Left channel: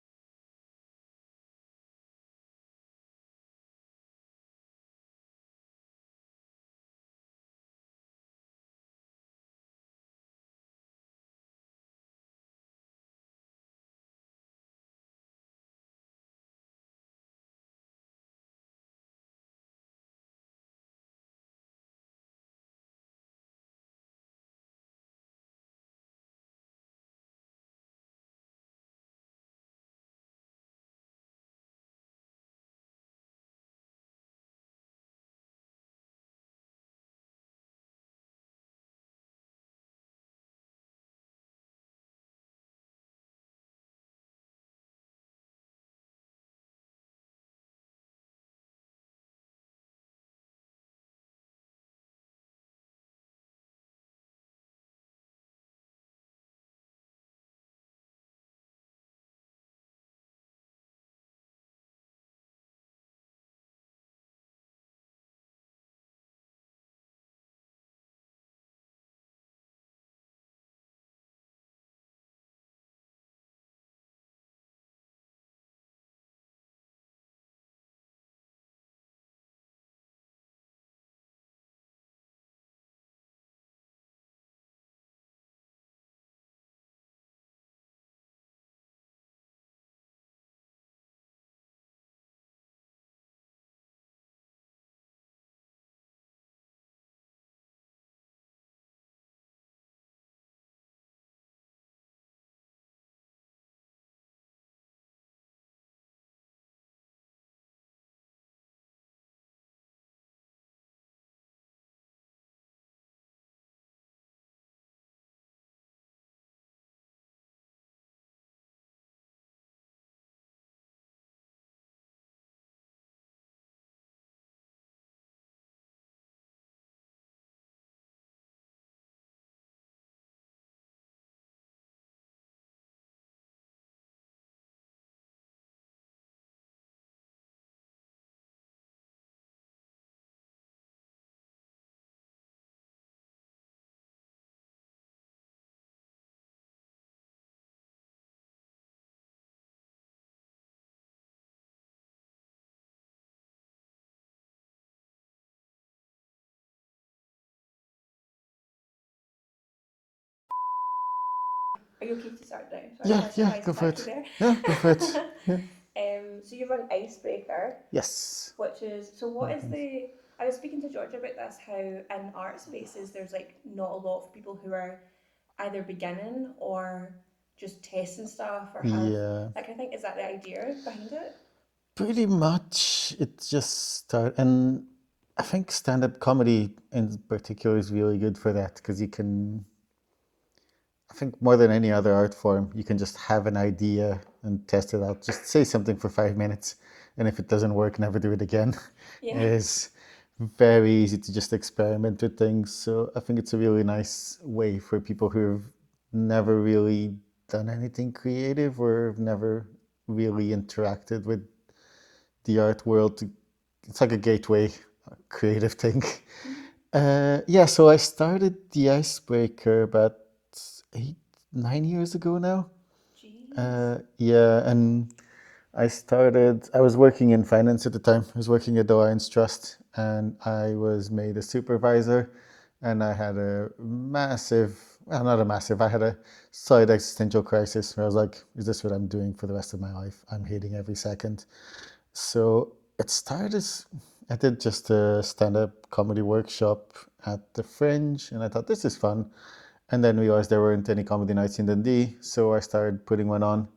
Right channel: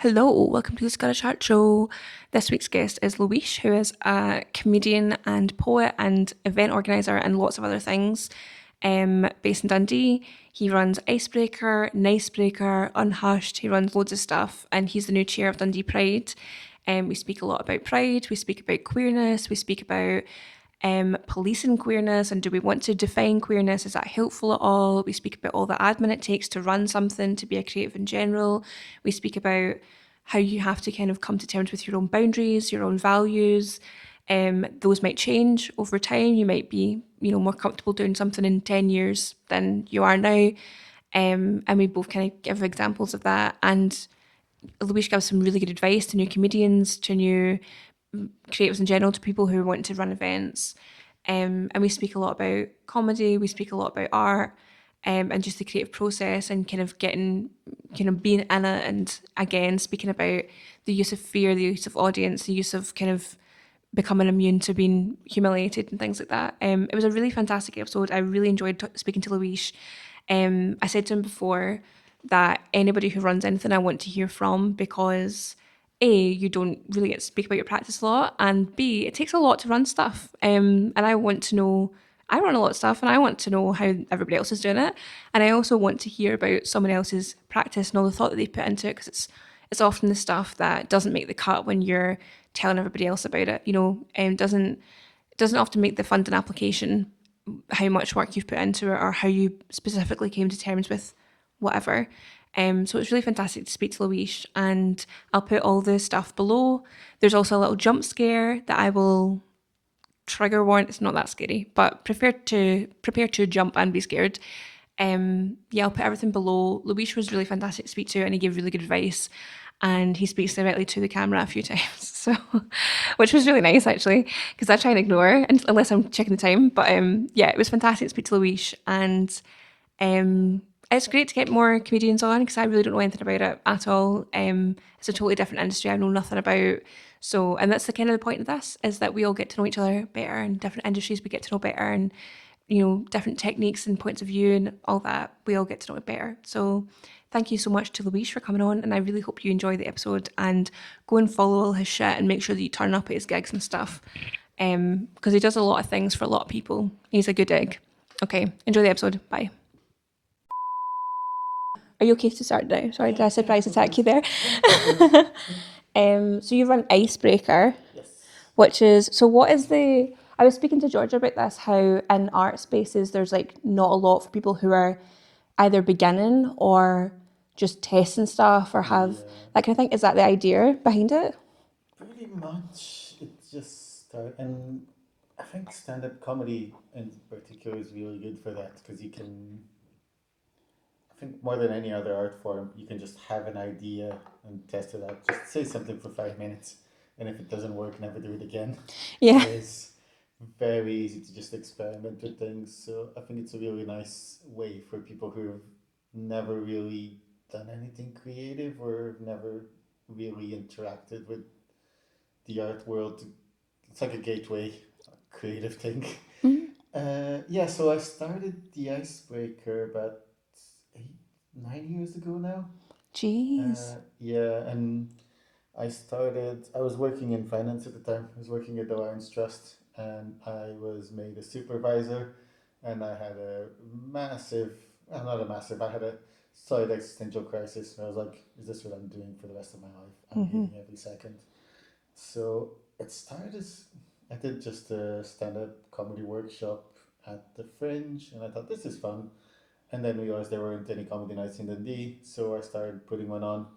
Hello, welcome to the Scottish Art Show. This week's guest is Louise, who is a comedian and poet and event organiser and lots of other things. Based in Dundee, he runs Icebreaker, Nicebreaker, Unhushed. He runs loads of stuff, and he's the new chair of Dundee Pride. We speak a lot about pride. We speak about queerness. We speak about policing queerness and do we want to define queerness? Is that helpful at all? We speak about all the admin it takes to run something, to be a creative in general. We speak about how you have to kind of come to terms with your own boundaries, your own values. Those might change over time. You might be, more comfortable doing something in 10 years than you are now. And we both kind of give examples of that. And Louise gives some really good advice to new comedians, to new creatives in general, to people who want to run events. And we speak a lot about comedy, we speak a lot about art, and just the creative process and being in it. And again, speaking about the use of fear, the use of audience, the use of kind of becoming immune to being humiliated and things like that. It was a really fantastic episode. I really enjoyed speaking to Louise. I said to him before that anybody who runs anything I want to hear from because A, you don't really get to speak about your practice a lot, and B, it takes a lot to run stuff. And I want to know, I run a lot of stuff and I want to know how everybody else is doing it. And I also want to hear about someone else's practice and all the thought that they put into it because it's often the stuff that doesn't make the cut when you're telling everybody else about it. Doesn't often make the funding application how much work you've put into it or how you specifically came to terms with whatever. So it's really fantastic to speak to Louise, and I'll put all the stuff below. There's also a little jump scare that I will trigger warn. It's not that scary, but prepare to jump and be scared. Yeah, I'll put everything below. Louise was really fantastic to speak to, and he gave really good advice. And he speaks directly to the camera a few times, so which was really nice actually, because I try and ignore unless I'm checking the time. But yeah, it was fantastic to speak to Louise, and it's great to get more comedians on because I really don't know anything about it at all. It's a totally different industry I know nothing about. So, and that's the kind of the point of this is that we all get to know each other better, and different industries we get to know better, and different techniques and points of view and all that. We all get to know it better. So, thank you so much to Louise for coming on, and I really hope you enjoy the episode and go and follow all his shit and make sure that you turn up at his gigs and stuff. Because he does a lot of things for a lot of people. He's a good egg. Okay, enjoy the episode. Bye. Are you okay to start now? Sorry, did I surprise Go for attack you it. there? Yeah, go for it. So you run Icebreaker, Yes. which is so. What is the? I was speaking to Georgia about this. How in art spaces there's like not a lot for people who are either beginning or just testing stuff or have Yeah, that kind of thing. Is that the idea behind it? pretty much. It just started, and I think stand-up comedy in particular is really good for that because you can, I think more than any other art form, you can just have an idea and test it out. Just say something for 5 minutes, and if it doesn't work, never do it again. It Yeah. is very easy to just experiment with things. So I think it's a really nice way for people who've never really done anything creative or never really interacted with the art world. It's like a gateway, a creative thing. Mm. Yeah, so I started the Icebreaker about 8, 9 years ago now. Jeez. Yeah, and I was working in finance at the time. I was working at the Lions Trust and I was made a supervisor and I had a massive, well, not a massive, I had a slight existential crisis where I was like, is this what I'm doing for the rest of my life? I'm Mm-hmm. hating every second. So it started as I did just a stand-up comedy workshop at the Fringe and I thought this is fun. And then realized there weren't any comedy nights in Dundee, so I started putting one on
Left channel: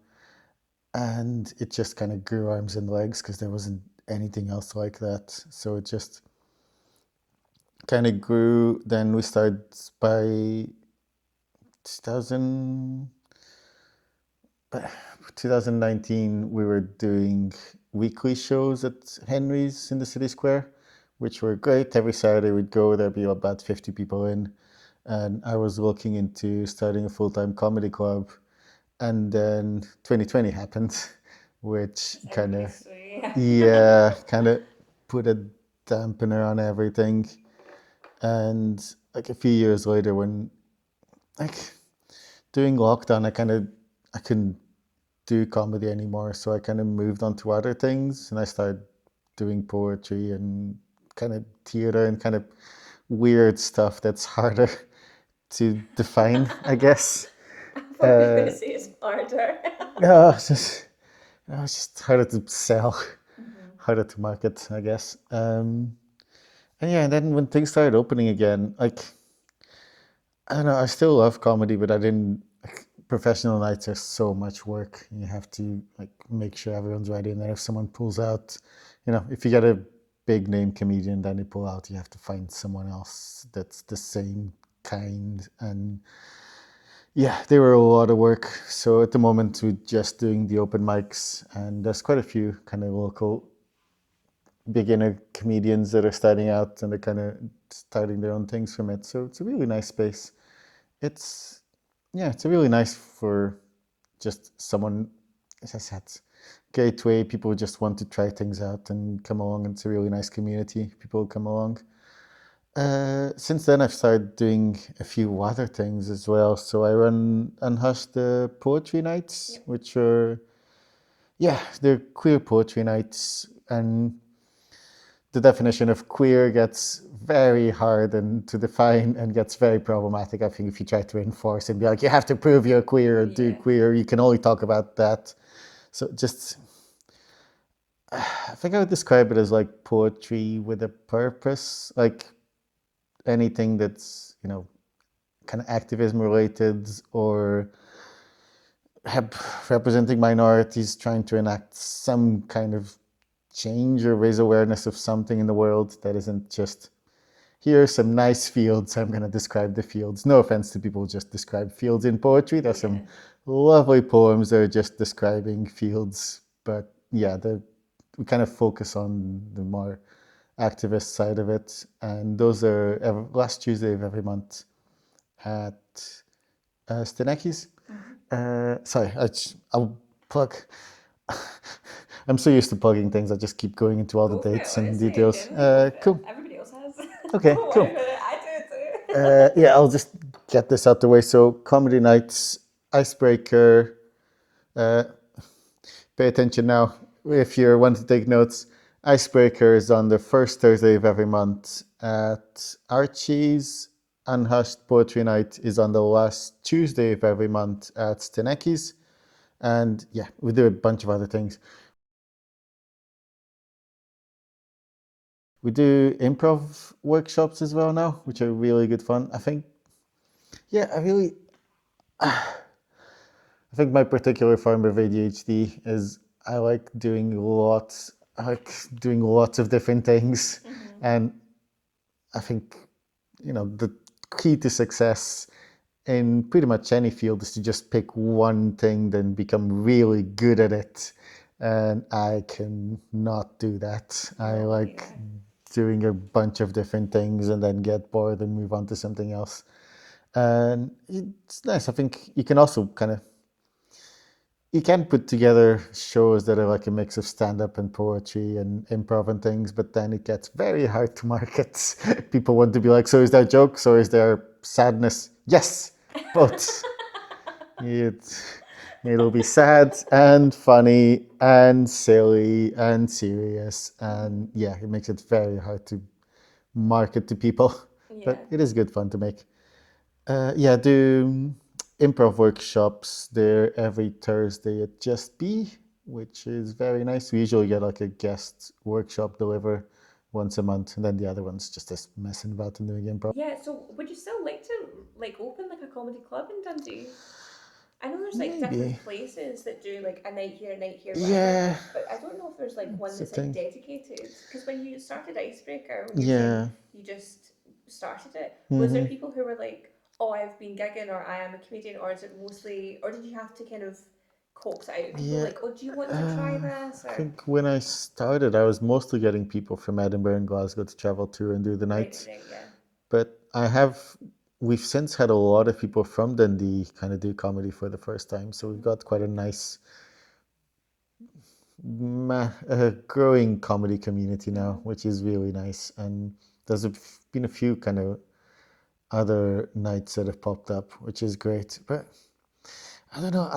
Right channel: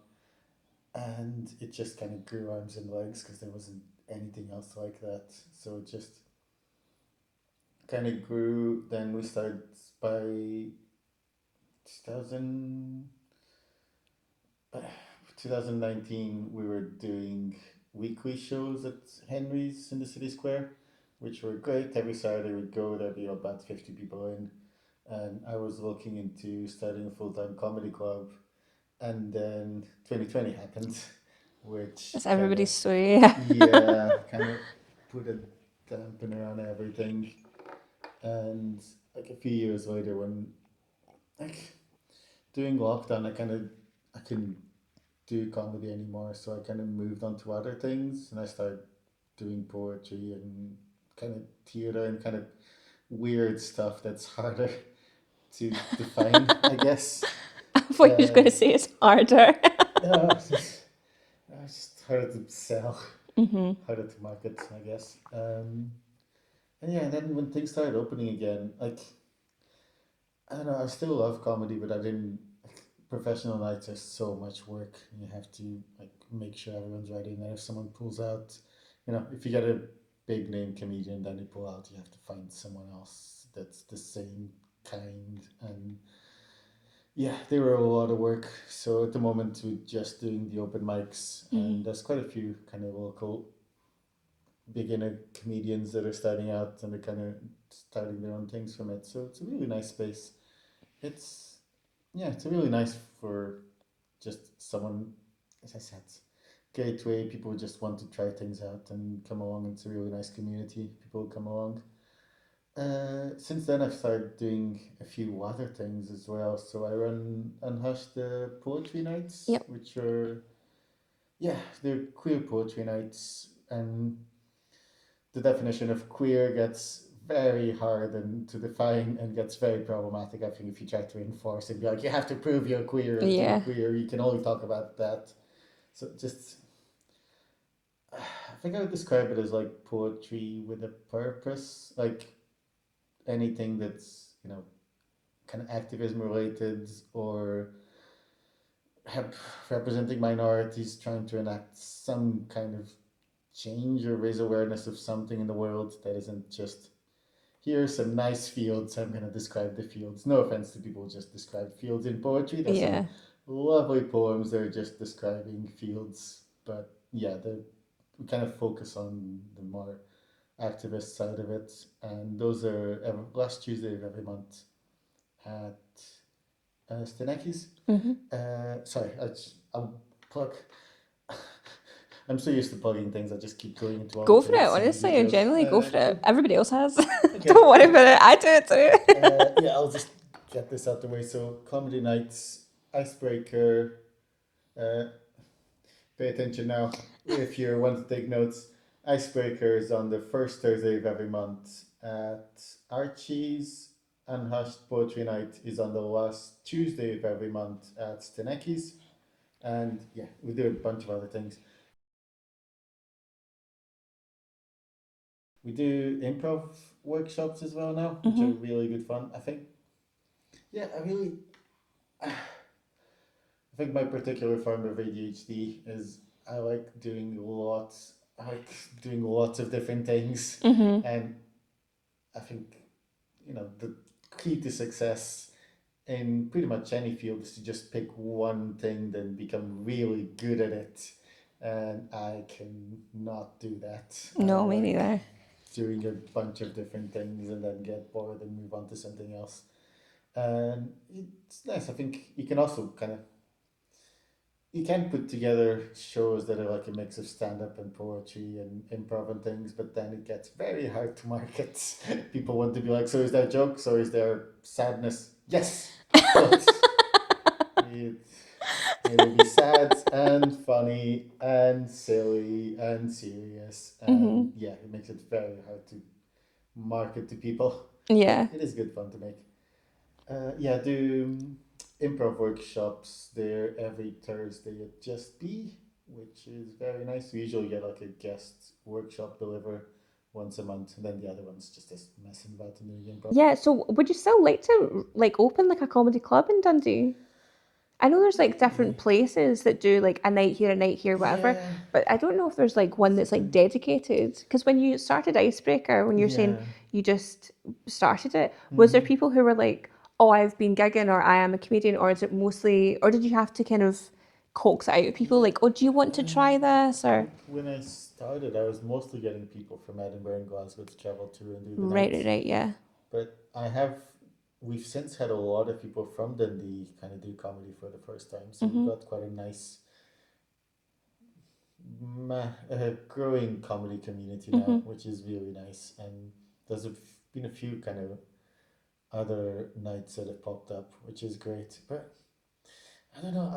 and it just kind of grew arms and legs because there wasn't anything else like that. So it just kind of grew. Then we started by 2000, by 2019, we were doing weekly shows at Henry's in the city square, which were great. Every Saturday we'd go, there'd be about 50 people in. And I was looking into starting a full-time comedy club. And then 2020 happened, which That's kind of everybody's story. Yeah. yeah, kind of put a dampener on everything. And like a few years later, when like during lockdown, I couldn't do comedy anymore, so I kind of moved on to other things, and I started doing poetry and kind of theater and kind of weird stuff that's harder to define, I guess. I thought you were going to Uh, say it's harder. no, it's just harder to sell, Hmm. harder to market, I guess. And yeah, and then when things started opening again, like I don't know, I still love comedy, but I didn't. Like, professional nights are so much work. You have to like make sure everyone's ready, and then if someone pulls out, if you get a big name comedian, then they pull out, you have to find someone else that's the same kind. And yeah, they were a lot of work. So at the moment, we're just doing the open mics, and there's quite a few kind of local beginner comedians that are starting out and they're kind of starting their own things from it. So it's a really nice space. It's yeah, it's a really nice for just someone, as I said, gateway. People just want to try things out and come along. It's a really nice community. People come along. Since then, I've started doing a few other things as well. So I run Unhushed poetry nights, Yep. which are yeah, they're queer poetry nights, and the definition of queer gets very hard and to define and gets very problematic. I think if you try to enforce and be like, you have to prove you're queer or do Yeah. queer, you can only talk about that. So just, I think I would describe it as like poetry with a purpose, like anything that's, kind of activism related or representing minorities, trying to enact some kind of change or raise awareness of something in the world that isn't just here are some nice fields. I'm going to describe the fields. No offense to people who just describe fields in poetry. There's some Yeah. lovely poems that are just describing fields. But yeah, we kind of focus on the more activist side of it. And those are last Tuesday of every month at Steneckis. Hmm. Sorry, I'll plug. I'm so used to plugging things. I just keep going into all the Go for it. dates and Honestly, details. genuinely go for it. Cool. Everybody else has. Okay, Don't worry cool. about it. I do it too. Yeah, I'll just get this out the way. So, comedy nights, Icebreaker. Uh, pay attention now if you want to take notes. Icebreaker is on the first Thursday of every month at Archies. Unhushed Poetry Night is on the last Tuesday of every month at Steneckis. And yeah, we do a bunch of other things. We do improv workshops as well now, which are Hmm. really good fun. I think, yeah, I think my particular form of ADHD is I like doing lots. I like doing lots of different things, Hmm. and I think the key to success in pretty much any field is to just pick one thing, then become really good at it. And I can not do that. I No, me like neither. doing a bunch of different things and then get bored and move on to something else. And it's nice. I think you can also you can put together shows that are like a mix of stand-up and poetry and improv and things, but then it gets very hard to market. People want to be like, so is there jokes or is there sadness? Yes, both. It, it'll be sad and funny and silly and serious. Hmm. And yeah, it makes it very hard to market to people, but Yeah. it is good fun to make. Yeah, do improv workshops there every Thursday at Just Be, which is very nice. We usually get like a guest workshop deliver once a month, and then the other one's just us messing about and doing improv. Yeah. So, would you still like to open like a comedy club in Dundee? I know there's like different Maybe. places that do like a night here, whatever. Yeah, But I don't know if there's like one that's the that's like thing. dedicated. Because when you started Icebreaker, when you're saying Yeah. you just started it, was there Hmm. people who were like, "Oh, I've been gigging," or "I am a comedian," or is it mostly, or did you have to kind of coax it out of people Yeah. like, "Oh, do you want to try this?" I Or think when I started, I was mostly getting people from Edinburgh and Glasgow to travel to and do the night. right, yeah. But we've since had a lot of people from Dundee kind of do comedy for the first time. So we've Mm-hmm. got quite a nice, growing comedy community Mm-hmm. now, which is really nice. And been a few kind of other nights that have popped up, which is great. But I don't know,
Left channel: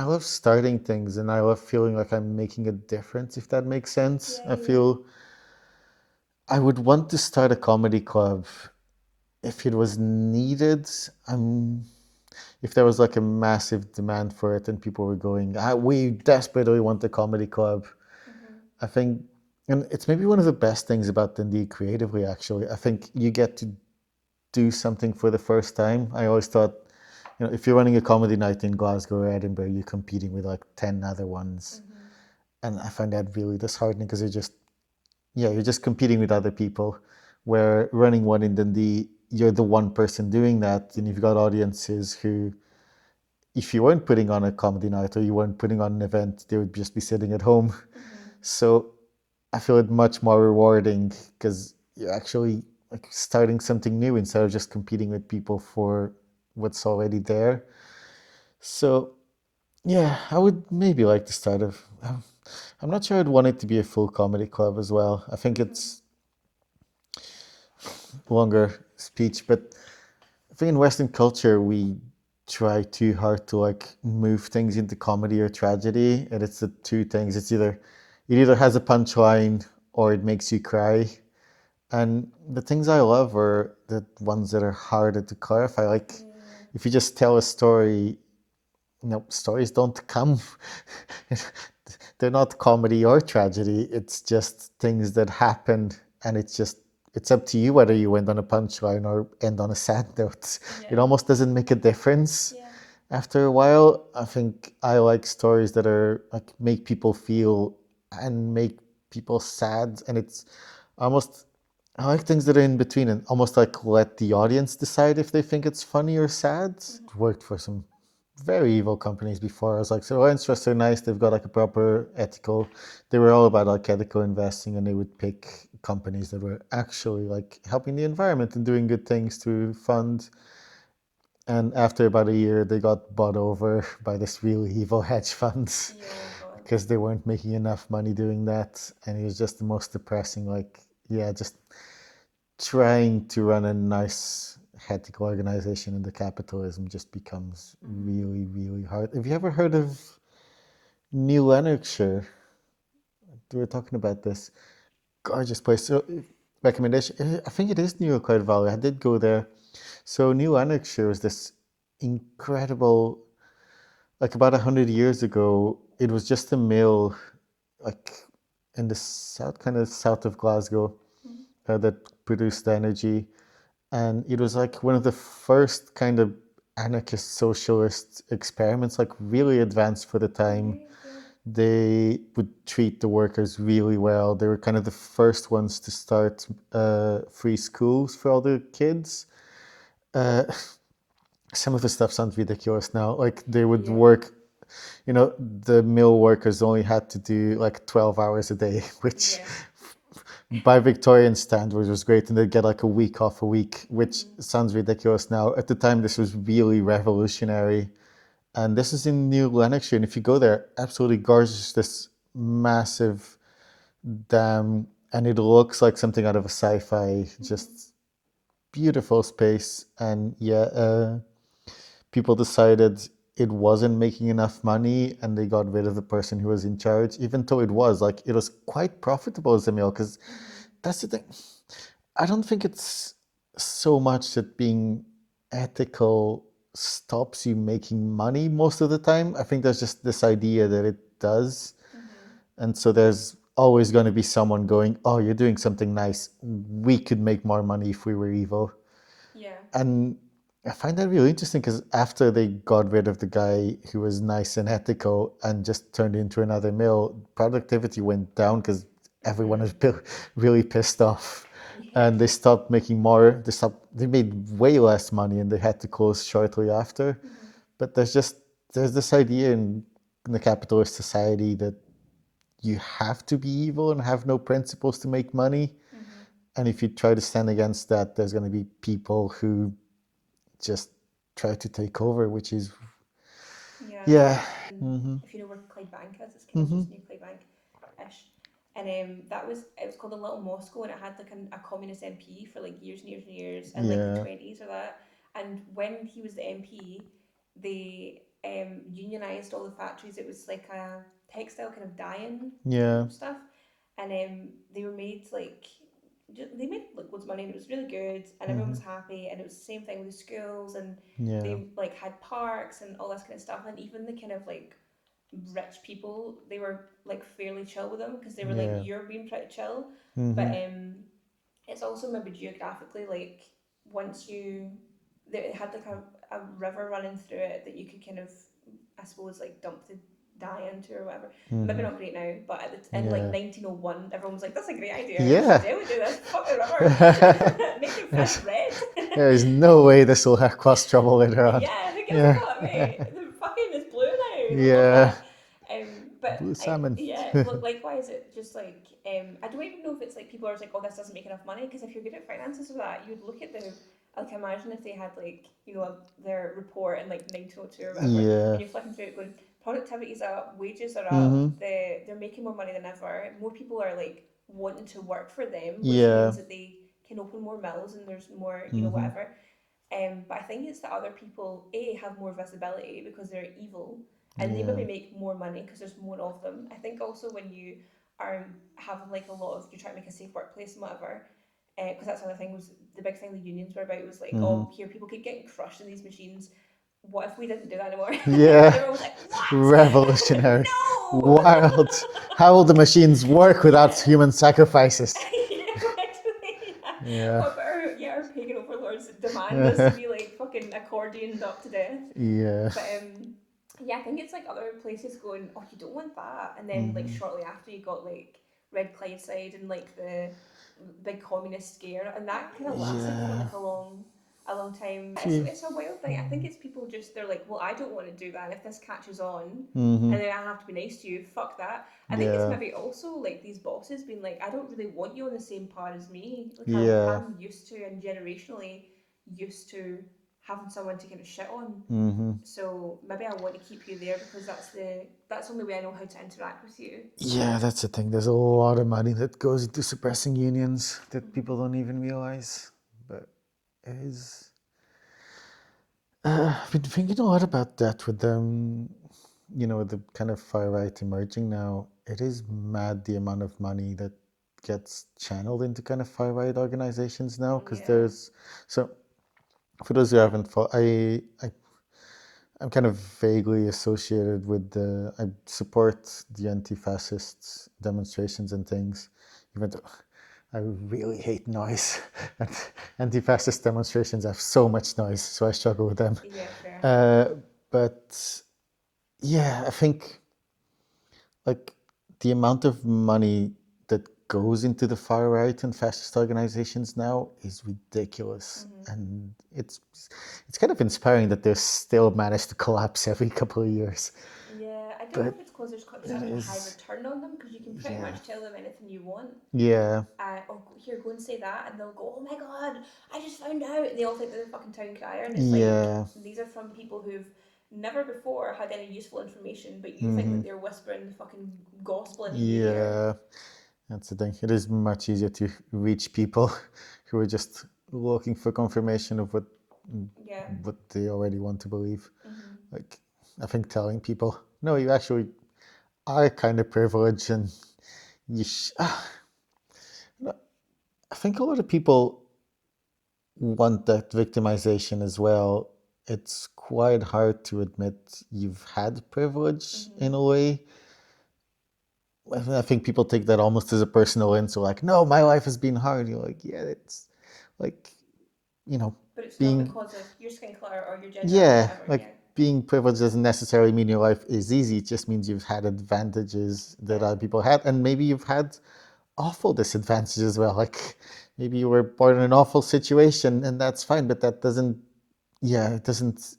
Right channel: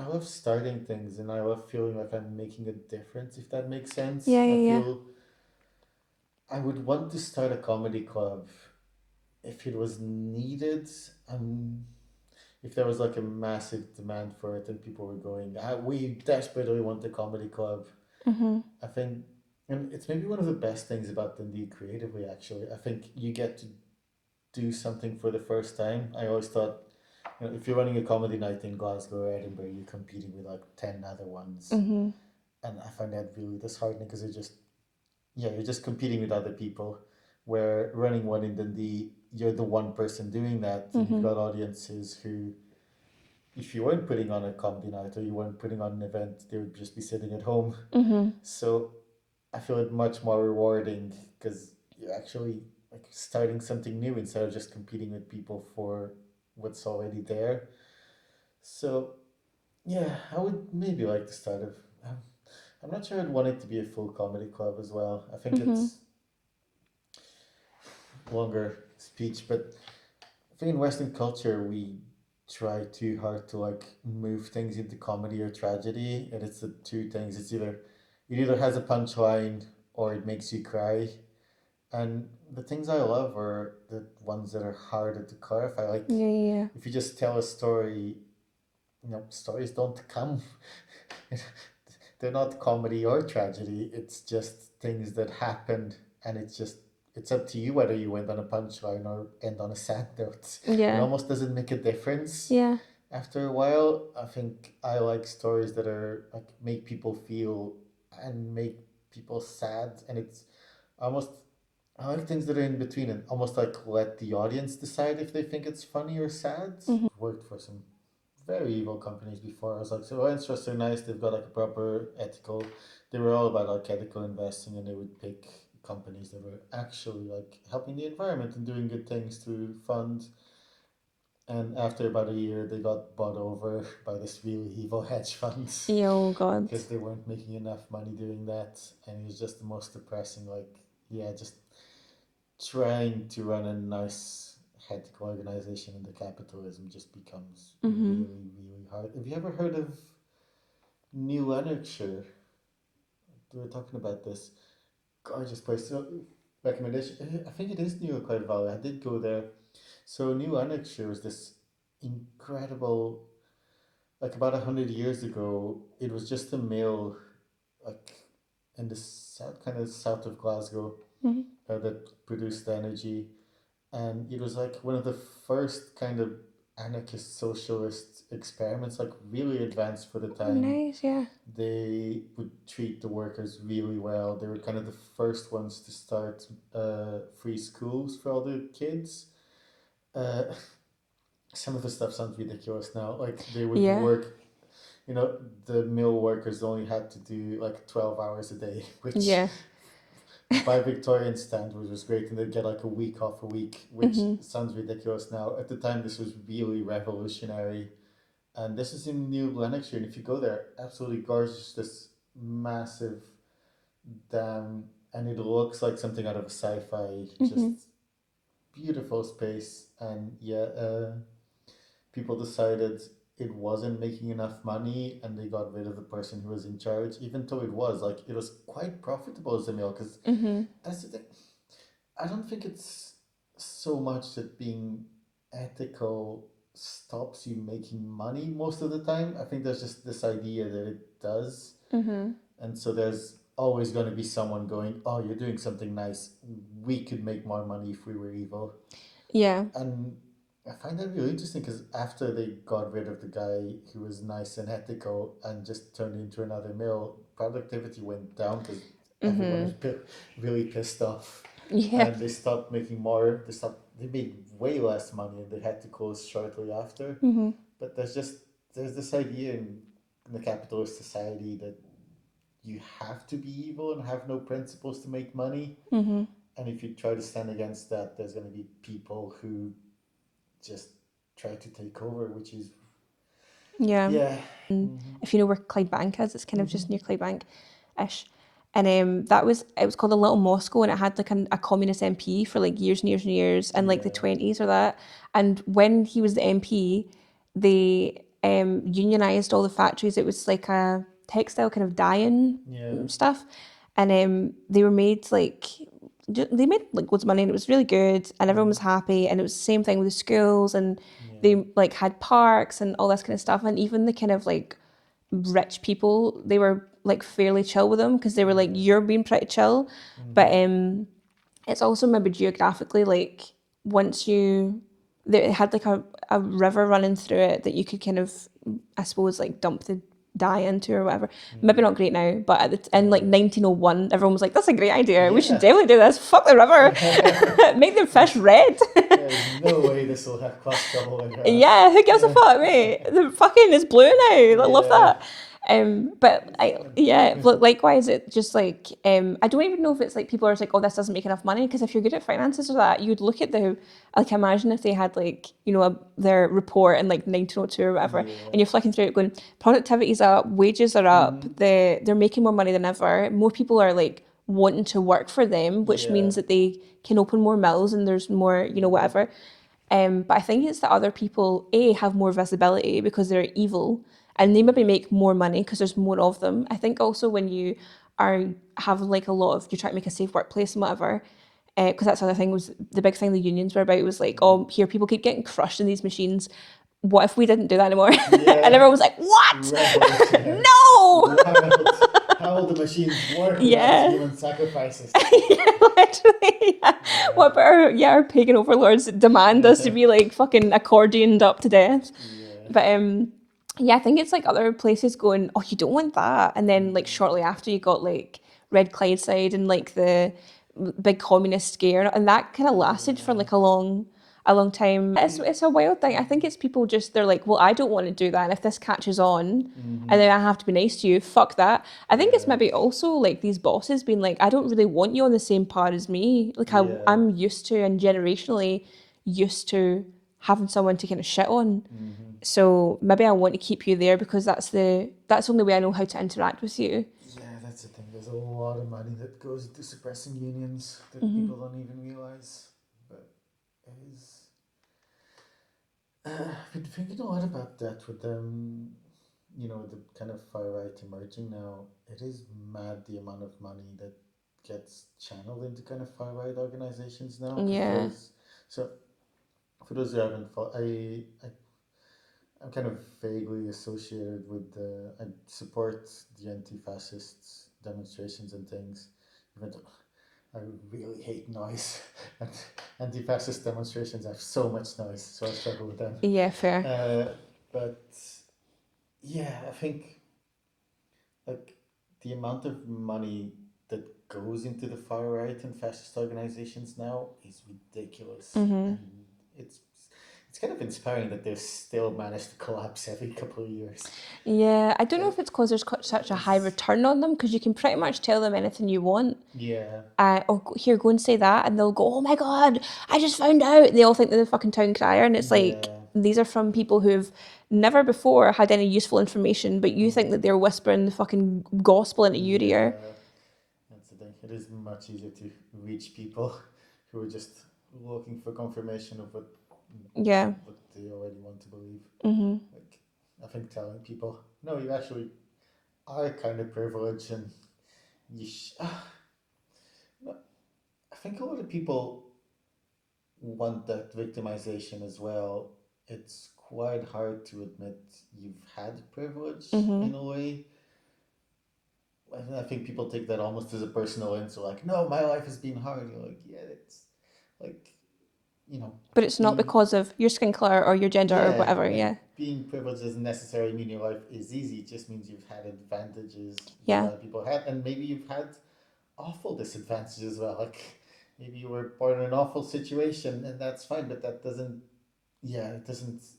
I love starting things and I love feeling like I'm making a difference, if that makes sense. Yeah, I yeah, yeah. feel I would want to start a comedy club if it was needed. I'm if there was like a massive demand for it and people were going, we desperately want a comedy club. Mm-hmm. I think, and it's maybe one of the best things about Dundee creatively, actually. I think you get to do something for the first time. I always thought, if you're running a comedy night in Glasgow or Edinburgh, you're competing with like 10 other ones. Mm-hmm. And I find that really disheartening because you're just competing with other people. Where running one in Dundee, you're the one person doing that, and you've Mm-hmm. got audiences who, if you weren't putting on a comedy night or you weren't putting on an event, they would just be sitting at home. Mm-hmm. So I feel it much more rewarding because you're actually like starting something new instead of just competing with people for what's already there. So yeah, I would maybe like to start a. I'm not sure I'd want it to be a full comedy club as well. I think Mm-hmm. it's longer speech, but I think in Western culture we try too hard to like move things into comedy or tragedy, and it's the two things. It either has a punchline or it makes you cry. And the things I love are the ones that are harder to clarify. Like Yeah, yeah. if you just tell a story, stories don't come. They're not comedy or tragedy. It's just things that happened, and it's up to you whether you end on a punchline or end on a sad note. It Yeah. almost doesn't make a difference. Yeah. After a while, I think I like stories that are like make people feel and make people sad, and it's almost I like things that are in between and almost like let the audience decide if they think it's funny or sad. Mm-hmm. Worked for some very evil companies before. I was like, so interests are nice. They've got like a proper ethical. They were all about like ethical investing, and they would pick companies that were actually like helping the environment and doing good things to fund. And after about a year, they got bought over by this really evil hedge funds Oh God. because they weren't making enough money doing that. And it was just the most depressing. Like, yeah, just trying to run a nice ethical organization in the capitalism just becomes Mm-hmm. really, really hard. Have you ever heard of New Lanarkshire? We were talking about this. Gorgeous place. So, recommendation. I think it is New Cloud Valley. I did go there. So, New Lanarkshire is this incredible. Like about 100 years ago, it was just a mill, like in the south, kind of south of Glasgow, Mm-hmm. that produced the energy. And it was like one of the first kind of anarchist socialist experiments, like really advanced for the Oh, time. nice. Yeah. They would treat the workers really well. They were kind of the first ones to start free schools for all the kids. Uh, some of the stuff sounds ridiculous now. Like they would Yeah. work, the mill workers only had to do like 12 hours a day, which Yeah. by Victorian standards was great, and they'd get like a week off a week, which Mm-hmm. sounds ridiculous now. At the time, this was really revolutionary, and this is in New Lanarkshire. And if you go there, absolutely gorgeous, this massive dam, and it looks like something out of a sci-fi. Mm-hmm. Just beautiful space, and yeah, people decided it wasn't making enough money and they got rid of the person who was in charge, even though it was quite profitable as a mill because Mm-hmm. that's the thing. I don't think it's so much that being ethical stops you making money most of the time. I think there's just this idea that it does. Mm-hmm. And so there's always going to be someone going, oh, you're doing something nice. We could make more money if we were evil. Yeah. And I find that really interesting because after they got rid of the guy who was nice and ethical and just turned into another mill, productivity went down because everyone Mm-hmm. was really pissed off. Yeah. And they stopped making more, they made way less money and they had to close shortly after. Mm-hmm. But there's this idea in the capitalist society that you have to be evil and have no principles to make money. Mm-hmm. And if you try to stand against that, there's going to be people who just try to take over, which is Yeah. yeah. And Mm-hmm. if you know where Clydebank is, it's kind of Mm-hmm. just near Clydebank-ish. And it was called a Little Moscow, and it had like a communist MP for like years and years in like the Yeah. 20s or that. And when he was the MP, they unionized all the factories. It was like a textile kind of dye-in Yeah. stuff, and they were made like they made like loads of money, and it was really good, and everyone was happy. And it was the same thing with the schools, and Yeah. they like had parks and all this kind of stuff, and even the kind of like rich people, they were like fairly chill with them because they were like, Yeah. you're being pretty chill. But it's also maybe geographically, like once you it had like a river running through it that you could kind of, I suppose, like dump the dye into or whatever. Maybe not great now, but in like Yeah. 1901 everyone was like, that's a great idea, we should Yeah. definitely do this, fuck the river. Make them fish red. There's no way this will have cause trouble later on. Yeah, who gives a Yeah. fuck, mate? The fucking is blue now. I love Yeah. that. But Blue salmon. likewise, it just like I don't even know if it's like people are like, oh, this doesn't make enough money, because if you're good at finances or that, you would look at the, like, imagine if they had like, you know, their report in like 1902 or whatever, Yeah. and you're flicking through it going, productivity's up, wages are up, they're making more money than ever, more people are like wanting to work for them, which Yeah. means that they can open more mills and there's more, you know, whatever. But I think it's that other people, A, have more visibility because they're evil, and they maybe make more money because there's more of them. I think also when you have like a lot of, you're trying to make a safe workplace and whatever, because that's the other thing, was the big thing the unions were about was like, oh, here people keep getting crushed in these machines. What if we didn't do that anymore? Yeah. And everyone was like, what? Revolutionary. No! Wild. How will the machines work without Yeah. human sacrifices? Literally, yeah. What about our pagan overlords demand us to be like fucking accordioned up to death? Yeah. But yeah, I think it's like other places going, oh, you don't want that, and then like shortly after you got like Red Clydeside and like the big communist scare, and that kind of lasted for like a long time. It's a wild thing. I think it's people just, they're like, well, I don't want to do that, and if this catches on, and then I have to be nice to you, fuck that. I think it's Yeah. maybe also like these bosses being like, I don't really want you on the same par as me. Like Yeah. I'm used to, and generationally used to, having someone to kind of shit on. So maybe I want to keep you there because that's the only way I know how to interact with you. Yeah, that's the thing. There's a lot of money that goes into suppressing unions that people don't even realize. But it is. I've been thinking a lot about that with them, you know, with the kind of far right emerging now. It is mad the amount of money that gets channeled into kind of far right organizations now. Because there's. So, for those who haven't followed, I'm kind of vaguely associated with I support the anti-fascist demonstrations and things, even though I really hate noise. Anti-fascist demonstrations have so much noise, so I struggle with them. Yeah, fair. But yeah, I think like the amount of money that goes into the far right and fascist organizations now is ridiculous, and it's kind of inspiring that they still manage to collapse every couple of years. Yeah, I don't know if it's because there's such a high return on them, because you can pretty much tell them anything you want. Yeah. Or here, go and say that, and they'll go, oh my god, I just found out. And they all think they're the fucking town crier, and it's like, these are from people who've never before had any useful information, but you think that they're whispering the fucking gospel into your ear. Yeah, that's the thing. It is much easier to reach people who are just looking for confirmation of what they already want to believe. Like, I think telling people, no, you actually are kind of privileged, and you. I think a lot of people want that victimization as well. It's quite hard to admit you've had privilege in a way. I think people take that almost as a personal insult, like, no, my life has been hard. You're like, yeah, it's like, you know. But it's not because of your skin color or your gender or whatever, like, being privileged doesn't necessarily mean your life is easy. It just means you've had advantages that other people had, and maybe you've had awful disadvantages as well. Like, maybe you were born in an awful situation, and that's fine, but that doesn't, it doesn't,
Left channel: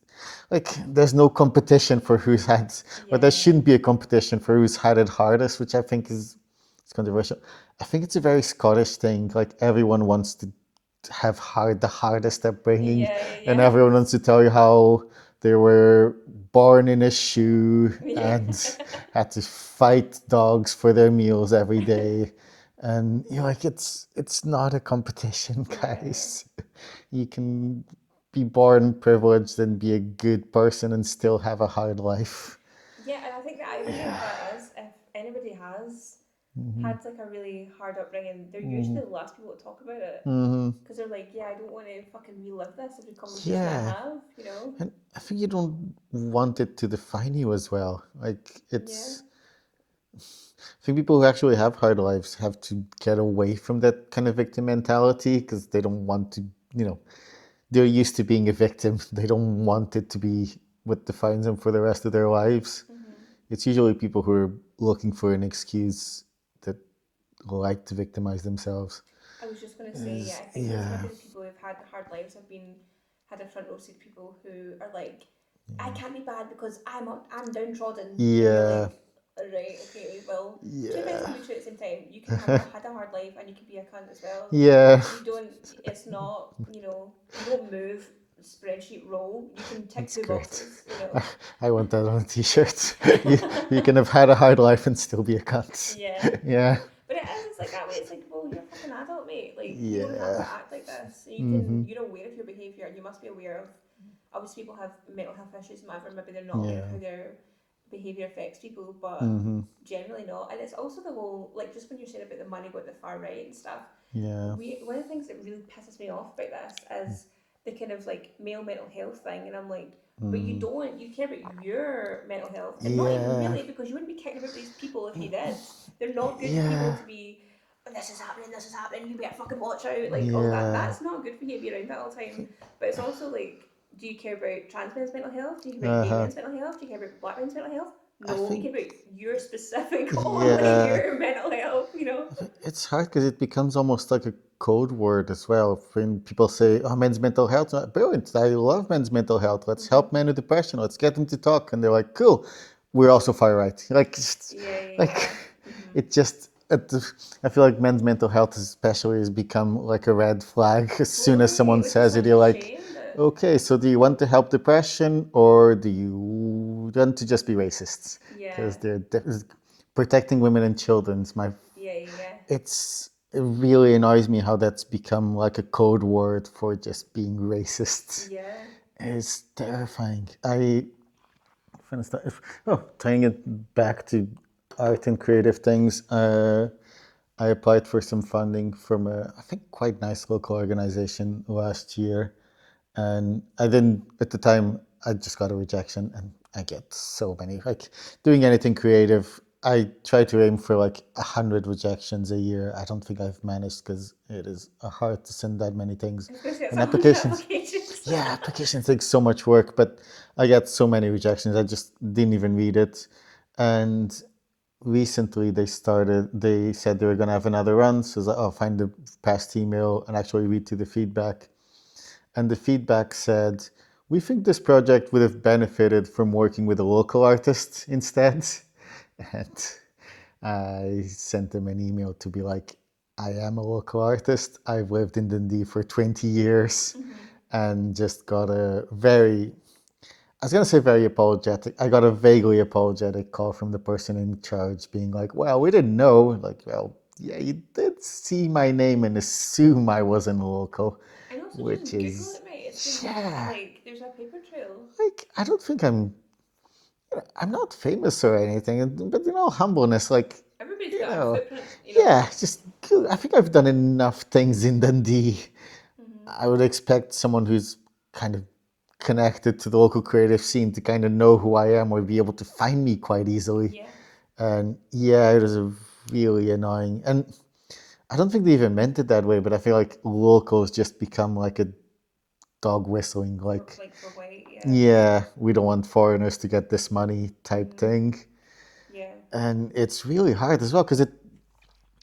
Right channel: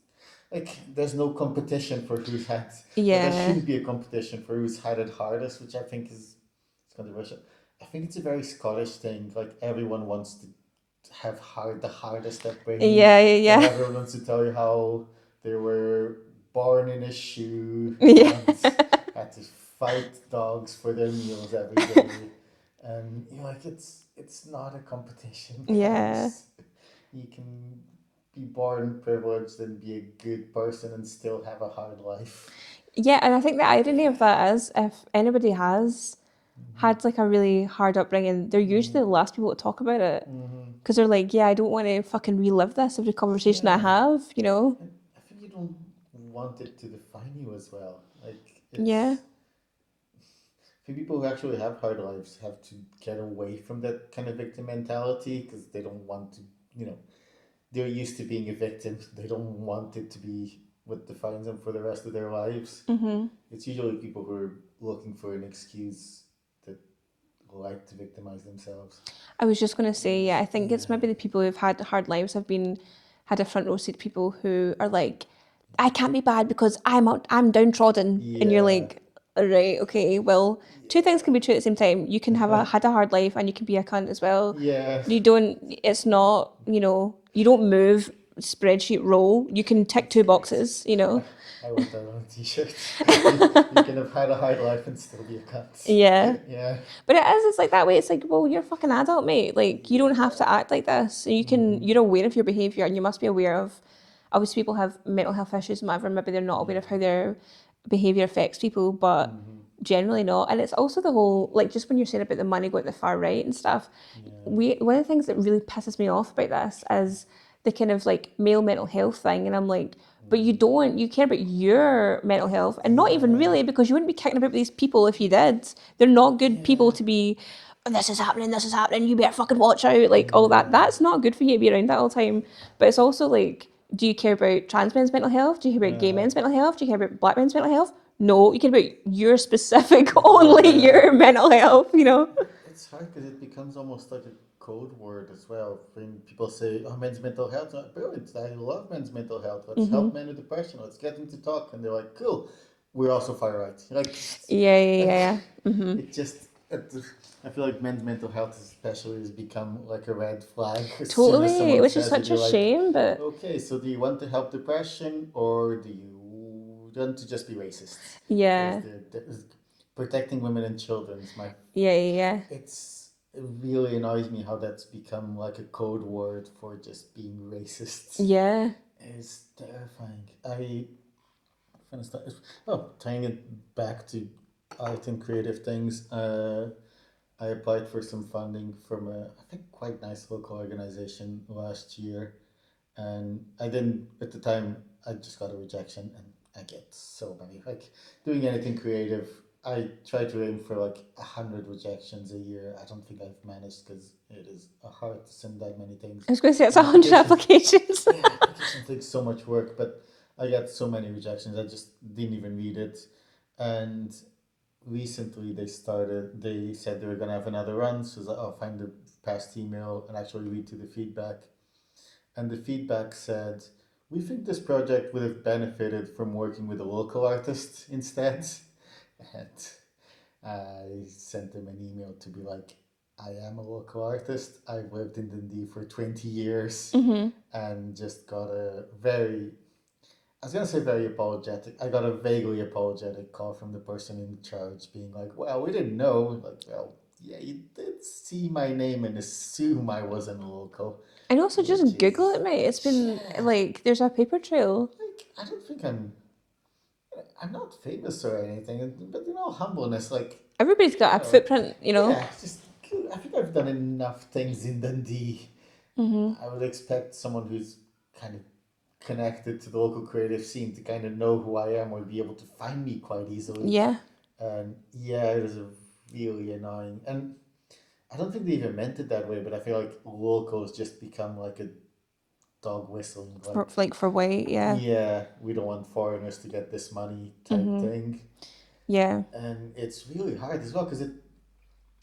like, there's no competition for who's had, but there shouldn't be a competition for who's had it hardest, which I think is controversial. I think it's a very Scottish thing. Like, everyone wants to have the hardest upbringing, and everyone wants to tell you how they were born in a shoe and had to fight dogs for their meals every day. And you're like, it's not a competition, guys. You can be born privileged and be a good person and still have a hard life. Yeah, and I think the irony of Yeah. that is if anybody has Mm-hmm. had like a really hard upbringing, they're usually the last people to talk about it. Mm-hmm. Because they're like, yeah, I don't want to fucking relive this every conversation I Yeah. have, you know? And I think you don't want it to define you as well. Like Yeah. I think people who actually have hard lives have to get away from that kind of victim mentality because they don't want to, you know, they're used to being a victim. They don't want it to be what defines them for the rest of their lives. Mm-hmm. It's usually people who are looking for an excuse that like to victimize themselves. I was just going to say, yeah, I think it's Yeah. maybe the people who've had hard lives have had a front row seat people who are like, I can't be bad because I'm downtrodden, and you're Yeah. like, all right, okay, well, two things can Yeah. be true at the same time. You can had a hard life and you can be a cunt as well. Yeah. You don't. It's not. You don't move spreadsheet roll. You can tick That's two great. boxes. You know. I want that on a t-shirt. You can have had a hard life and still be a cunt. Yeah. Yeah. But it is, it's like that way. It's like, well, you're a fucking adult, mate. Like, you don't have Yeah. to act like this. You're aware of your behaviour and you must be aware of, obviously, people have mental health issues and whatever. Maybe they're not aware of Yeah. how their behaviour affects people, but generally not. And it's also the whole, like, just when you're saying about the money going to the far right and stuff, Yeah. one of the things that really pisses me off about this is the kind of like male mental health thing. And I'm like, but you care about your mental health and not even Yeah. really, because you wouldn't be kicking about these people if you did. They're not good people Yeah. to be, "Oh, this is happening, you better fucking watch out," like all that. Yeah. That's not good for you to be around that all the time. But it's also like, do you care about trans men's mental health? Do you care about gay Uh-huh. men's mental health? Do you care about black men's mental health? I No, you think care about your specific, only yeah. your mental health, you know? It's hard because it becomes almost like a code word as well. When people say, "Oh, men's mental health," I'm like, brilliant! I love men's mental health. Let's help men with depression. Let's get them to talk. And they're like, "Cool, we're also far right." Yeah, yeah, Like, yeah. Mm-hmm. it just. I feel like men's mental health, especially, has become like a red flag. As soon as Totally, someone which is says it, such you're a like, shame, but "Okay, so do you want to help depression, or do you want to just be racist?" Because yeah, they're protecting women and children is my yeah, yeah, it really annoys me how that's become like a code word for just being racist. yeah. It's terrifying. For instance, tying it back to art and creative things, I applied for some funding from I think, quite nice local organization last year. And I didn't, at the time, I just got a rejection, and I get so many. Like, doing anything creative, I try to aim for like 100 rejections a year. I don't think I've managed because it is hard to send that many things. I was going to say it's And 100 applications, applications. yeah, applications take so much work, but I get so many rejections. I just didn't even read it. And recently they said they were going to have another run. So I was like, oh, find the past email and actually read to the feedback. And the feedback said, we think this project would have benefited from working with a local artist instead. And I sent them an email to be like, I am a local artist. I've lived in Dundee for 20 years and just got a very, I was going to say very apologetic. I got a vaguely apologetic call from the person in charge being like, well, we didn't know. Like, well, yeah, you did see my name and assume I wasn't local, And also which just Google is, it, mate. It's been yeah, like, there's a paper trail. like, I don't think I'm not famous or anything, but humbleness, like, Everybody's you got a know, footprint, you know? yeah, just cool. I think I've done enough things in Dundee. I would expect someone who's kind of connected to the local creative scene to kind of know who I am or be able to find me quite easily. Yeah. And yeah, it was a really annoying. And I don't think they even meant it that way, but I feel like locals just become like a dog whistling, like, For white, yeah. yeah, we don't want foreigners to get this money type thing. Yeah. And it's really hard as well because it's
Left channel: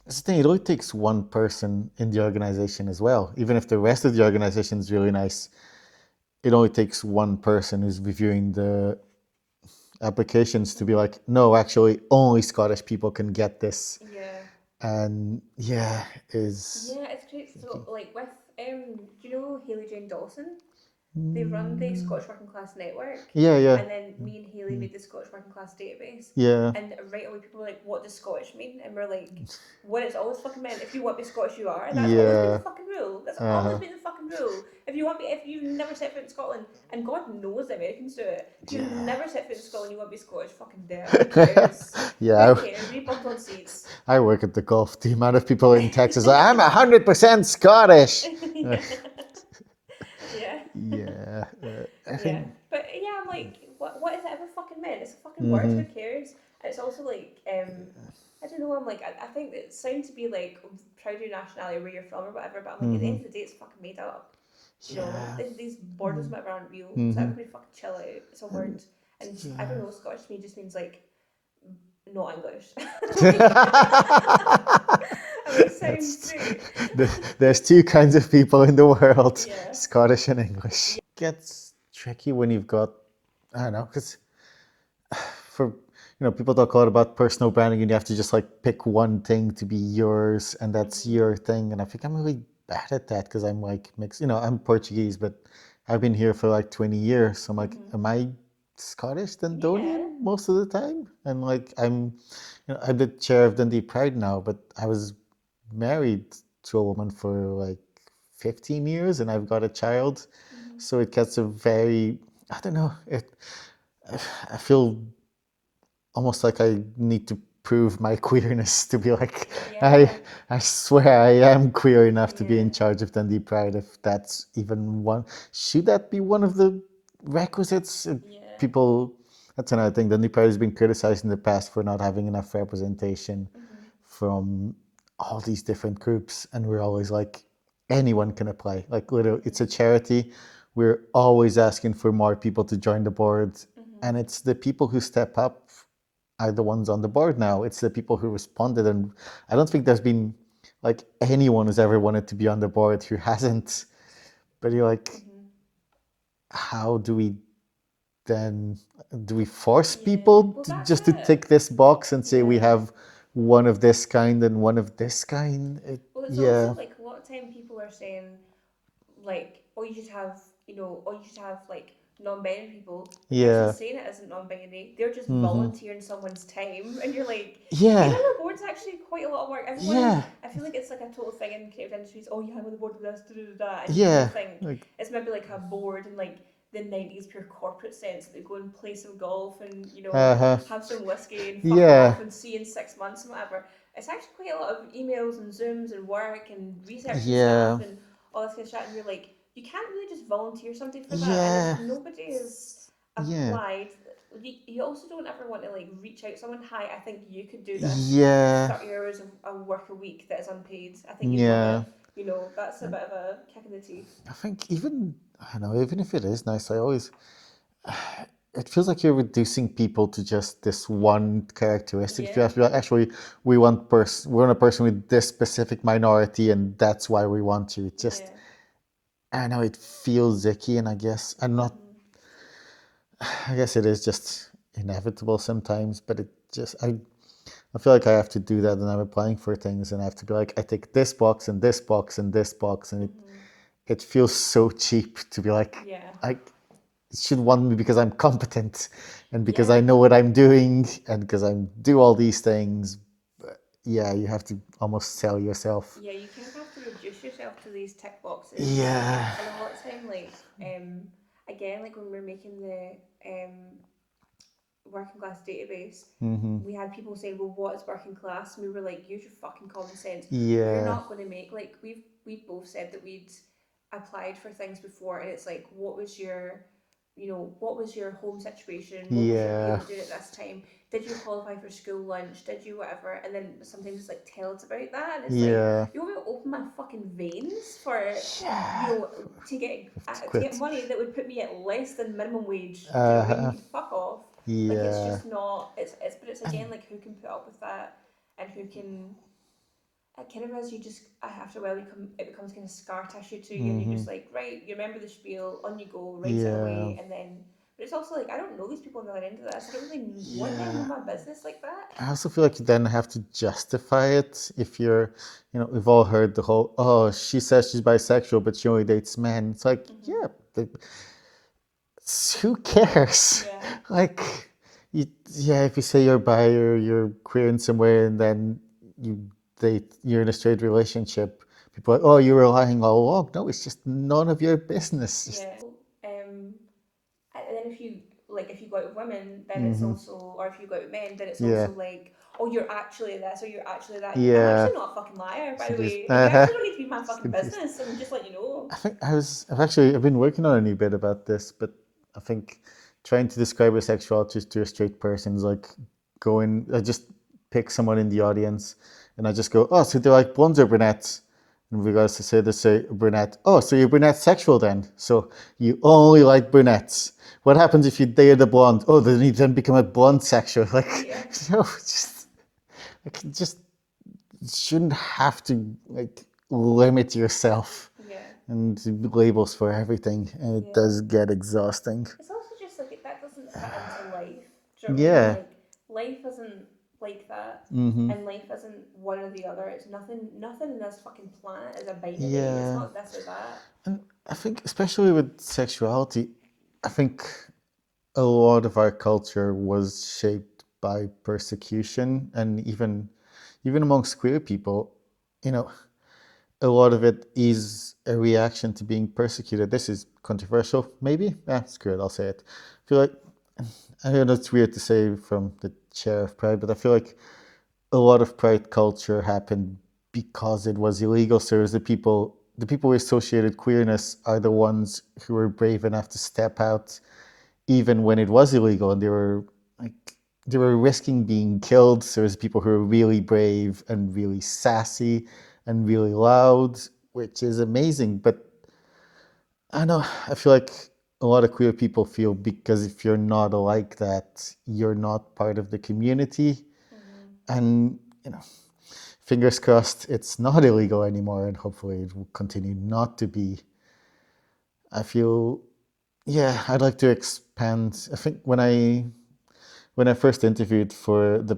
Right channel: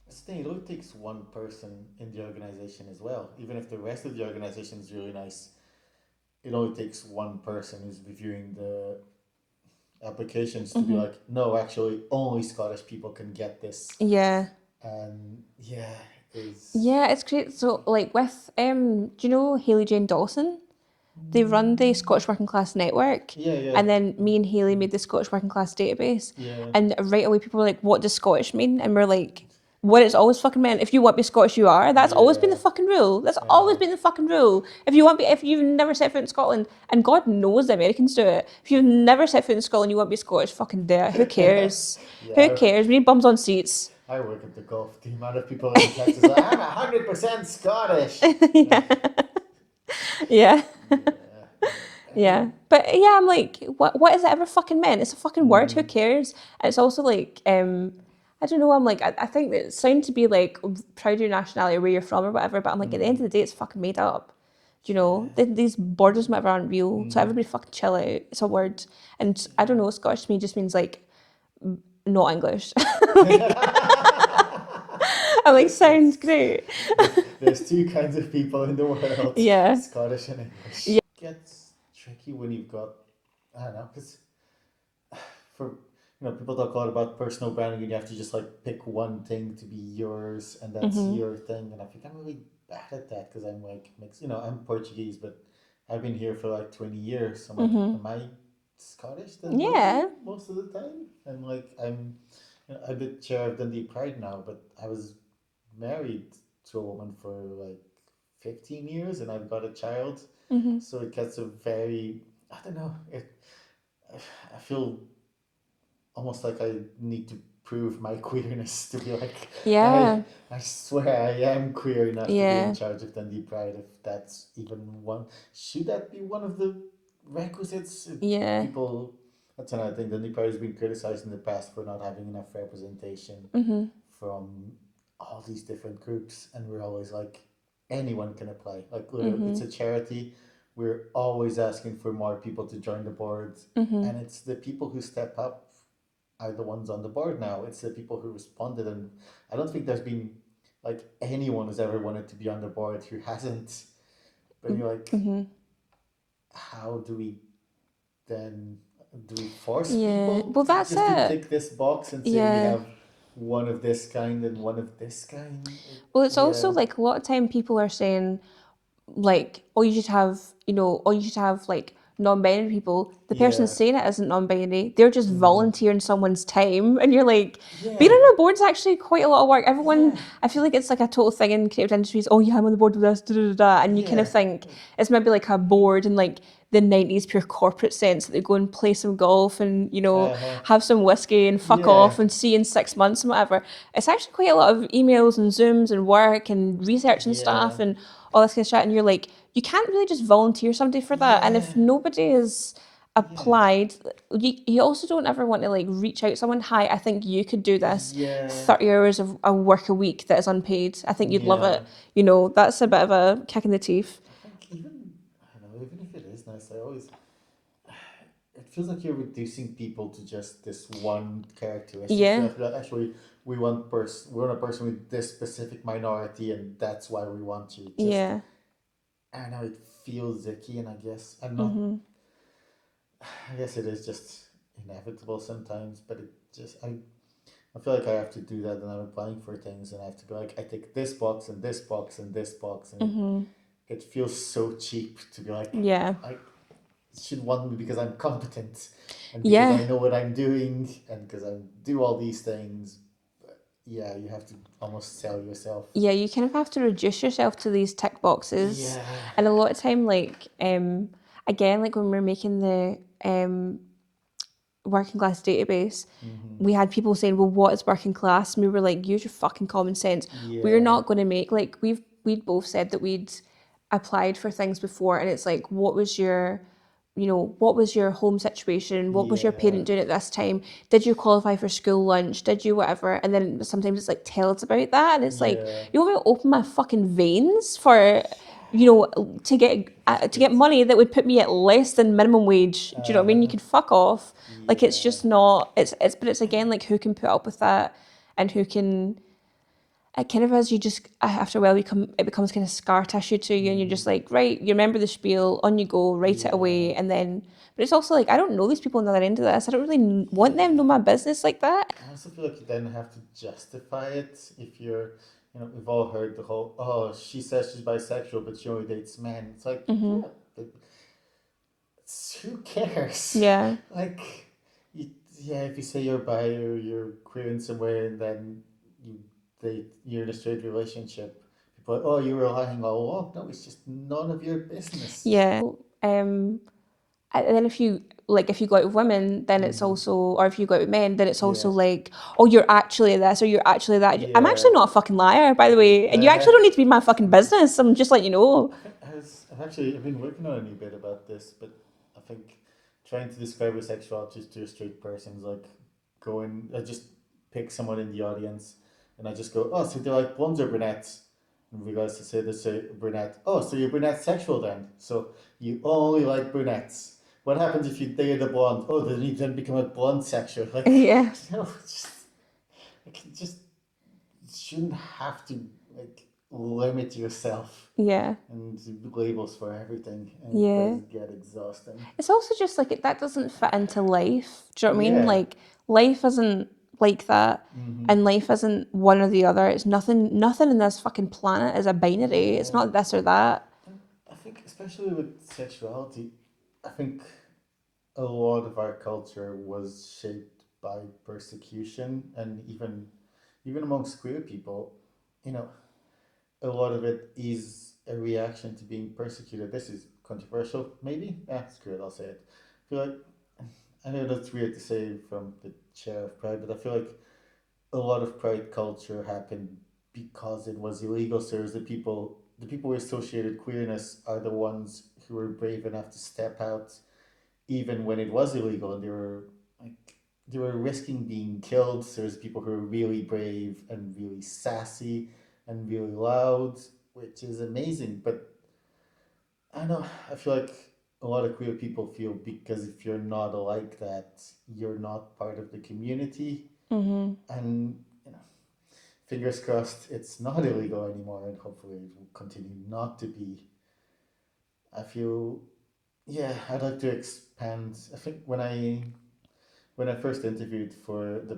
the thing, it only takes one person in the organization as well. Even if the rest of the organization is really nice, it only takes one person who's reviewing the applications to be like, no, actually, only Scottish people can get this. Yeah. And yeah, is Yeah, it's great. So, like, with, do you know Hayley Jane Dawson? They run the Scottish Working Class Network. yeah, yeah, And then me and Hayley made the Scottish Working Class database. yeah, And right away, people were like, what does Scottish mean? And we're like, when it's always fucking men. If you want to be Scottish, you are. That's always been the Yeah. fucking rule. That's always been the fucking rule. If you've never set foot in Scotland, and God knows the Americans do it. If you've Yeah. never set foot in Scotland, you want to be Scottish, fucking do it. Who cares? Who Yeah. cares? We need bums on seats. I work at the golf. The amount of people in Texas, like, I'm 100% Scottish. Yeah. Yeah. Yeah. I Yeah. think. But yeah, I'm like, what is it ever fucking meant? It's a fucking word, who cares? And it's also like, I don't know, I'm like, I think that it sounds to be like proud of your nationality or where you're from or whatever, but I'm like, at the end of the day, it's fucking made up. You know, Yeah. these borders and whatever aren't real, so everybody fucking chill out. It's a word. And I don't know, Scottish to me just means like not English. I'm like, sounds great. There's two kinds of people in the world, Yeah. Scottish and English. Yeah. It gets tricky when you've got, I don't know, because for, people talk a lot about personal branding and you have to just like pick one thing to be yours and that's your thing. And I think I'm really bad at that because I'm like mixed, I'm Portuguese, but I've been here for like 20 years. So I'm like, am I Scottish than Yeah. Dodgy most of the time? And like, I'm the chair of Dundee Pride now, but I was married to a woman for like 15 years and I've got a child. So it gets a very, I don't know, I feel almost like I need to prove my queerness to be like, Yeah. I swear I am queer enough to be in Yeah. charge of Dundee Pride, if that's even one. Should that be one of the requisites? Yeah. People, that's another thing. Dundee Pride has been criticized in the past for not having enough representation from all these different groups. And we're always like, anyone can apply. Like, literally, it's a charity. We're always asking for more people to join the board. And it's the people who step up are the ones on the board now. It's the people who responded. And I don't think there's been like anyone who's ever wanted to be on the board who hasn't. But you're like, how do we then, do we force people Well, that's just to it. tick this box and say we Yeah. have one of this kind and one of this kind? Well, it's also like a lot of time people are saying, like, oh, you should have, or you should have like non-binary people. The person Yeah. saying it isn't non-binary. They're just volunteering someone's time, and you're like, Yeah. being on a board's actually quite a lot of work. Everyone, Yeah. I feel like it's like a total thing in creative industries. Oh, yeah, I'm on the board with this, da da da, da. And you kind Yeah. of think it's maybe like a board in like the 90s pure corporate sense that they go and play some golf and have some whiskey and fuck Yeah. off and see you in 6 months and whatever. It's actually quite a lot of emails and Zooms and work and research and stuff and all this kind of shit, and you're like, you can't really just volunteer somebody for that. And if nobody is applied, you also don't ever want to like reach out to someone, hi, I think you could do this 30 hours of a work a week that is unpaid. I think you'd love it. That's a bit of a kick in the teeth. I think I don't know, even if it is nice, it feels like you're reducing people to just this one characteristic. Yeah. You have to be like, actually, we want a person with this specific minority, and that's why we want you. Just, I know it feels icky, and I guess I'm not. I guess it is just inevitable sometimes, but I feel like I have to do that, and I'm applying for things, and I have to be like, I tick this box and this box and this box, and it feels so cheap to be like, I should want me because I'm competent and because I know what I'm doing and because I do all these things. But yeah, you have to almost sell yourself. Yeah, you kind of have to reduce yourself to these tick boxes. Yeah. And a lot of time, like, again, like when we're making the working class database, we had people saying, well, what is working class? And we were like, use your fucking common sense. We're not going to make, like, we'd both said that we'd applied for things before, and it's like, what was your home situation? What was your parent doing at this time? Did you qualify for school lunch? Did you whatever? And then sometimes it's like, tell us about that. And it's like, you want me to open my fucking veins for, to get money that would put me at less than minimum wage? Do you know what I mean? You could fuck off. Like, it's just not, but it's again, like, who can put up with that and who can, it kind of as you just, after a while, it becomes kind of scar tissue to you, and you're just like, right, you remember the spiel, on you go, write it away, and then, but it's also like, I don't know these people on the other end of this. I don't really want them to know my business like that. I also feel like you then have to justify it if you're, we've all heard the whole, oh, she says she's bisexual, but she only dates men. It's like, who cares? Yeah. Like, if you say you're bi or you're queer in some way and then you you're in a straight relationship, people are like, oh, you were lying all along. No, it's just none of your business. Yeah. And then if you go out with women, then it's also, or if you go out with men, then it's also Yeah. like, oh, you're actually this or you're actually that. I'm Yeah. actually not a fucking liar, by the way. And you actually don't need to be my fucking business. I'm just letting you know. I think I've been working on a new bit about this, but I think trying to describe a sexuality to a straight person is like I just pick someone in the audience and I just go, oh, so they like blondes or brunettes? And regards to they say brunette. Oh, so you're brunette sexual then? So you only like brunettes. What happens if you date a blonde? Oh, then you then become a blonde sexual. Like, Yeah. just shouldn't have to like limit yourself Yeah. and labels for everything, and it Yeah. does get exhausting. It's also just like that doesn't fit into life. Do you know what I mean? Yeah. Like life isn't like that. And life isn't one or the other. It's nothing in this fucking planet is a binary. It's Yeah. not this or that. And I think, especially with sexuality, I think a lot of our culture was shaped by persecution, and even amongst queer people, you know, a lot of it is a reaction to being persecuted. This is controversial, maybe. Screw it, I'll say it. I feel like, I know it's weird to say from the chair of Pride, but I feel like a lot of Pride culture happened because it was illegal. So it was the people who associated queerness are the ones who were brave enough to step out even when it was illegal, and they were risking being killed. So there's people who are really brave and really sassy and really loud, which is amazing. But I know I feel like a lot of queer people feel because if you're not like that, you're not part of the community. And fingers crossed, it's not illegal anymore, and hopefully it will continue not to be. I feel, yeah, I'd like to expand. I think when I first interviewed for the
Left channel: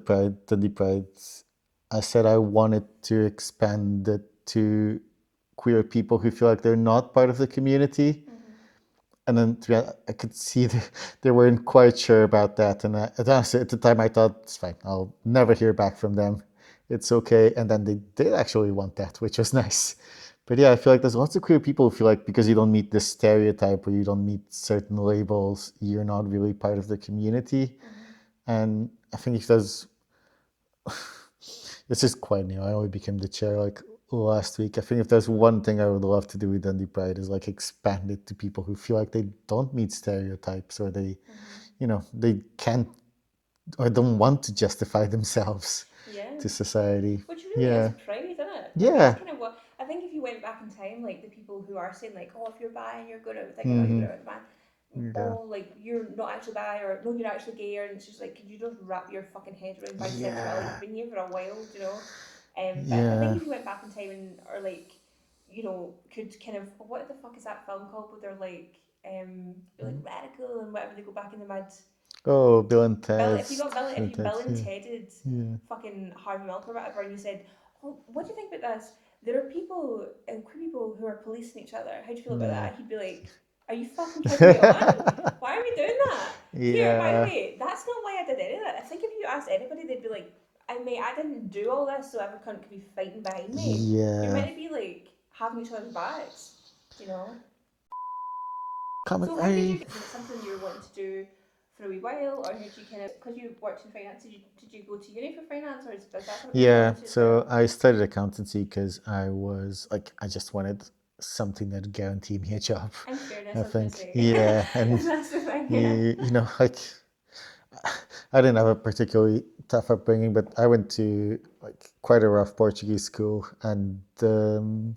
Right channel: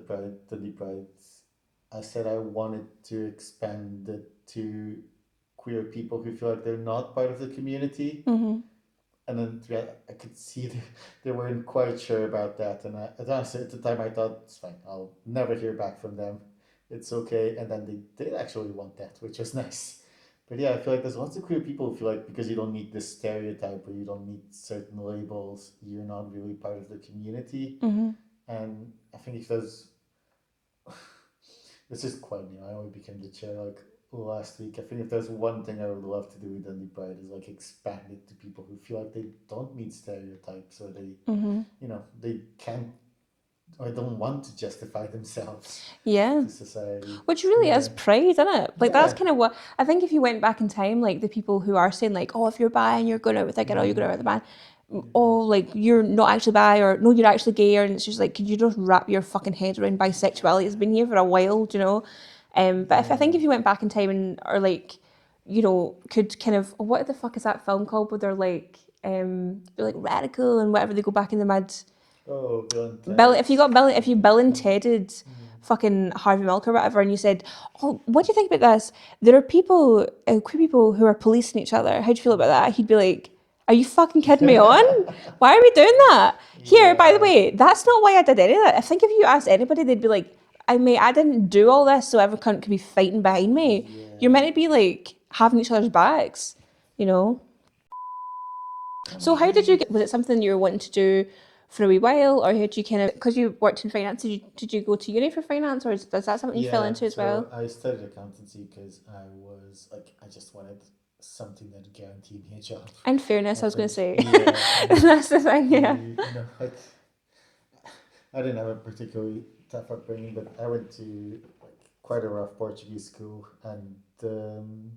Dundee Pride, I said I wanted to expand it to queer people who feel like they're not part of the community. And then I could see they weren't quite sure about that. And at the time, I thought, it's fine, I'll never hear back from them. It's okay. And then they did actually want that, which was nice. But yeah, I feel like there's lots of queer people who feel like because you don't meet this stereotype or you don't meet certain labels, you're not really part of the community. And I think if there's, this is quite new. I only became the chair like last week. I think if there's one thing I would love to do with Dundee Pride is like expand it to people who feel like they don't meet stereotypes, or they can't or don't want to justify themselves to society. Which really is pride, isn't it? Like Yeah. that's kind of what I think. If you went back in time, like the people who are saying like, oh, if you're bi and you're going out with a girl, you're going out with a man. Oh, like you're not actually bi, or no, you're actually gay, and it's just like, could you just wrap your fucking head around bisexuality? It's been here for a while, do you know? But I think if you went back in time and or like, could kind of, what the fuck is that film called where they're like radical and whatever, they go back in the mud. Oh, Bill and Ted. If you Bill and Tedded fucking Harvey Milk or whatever, and you said, oh, what do you think about this? There are people, queer people who are policing each other. How do you feel about that? He'd be like, are you fucking kidding me on? Why are we doing that? Here, by the way, that's not why I did any of that. I think if you asked anybody, they'd be like, I didn't do all this so every cunt could be fighting behind me. Yeah. You're meant to be like having each other's backs, you know? So how did you was it something you were wanting to do for a wee while, or had you kind of, because you worked in finance, did you go to uni for finance, or is that something you fell into as well? I studied accountancy because I just wanted something that guaranteed me a job. And fairness, I was going to say. Yeah. And that's the thing, yeah. I didn't have a particularly tough upbringing, but I went to quite a rough Portuguese school, and the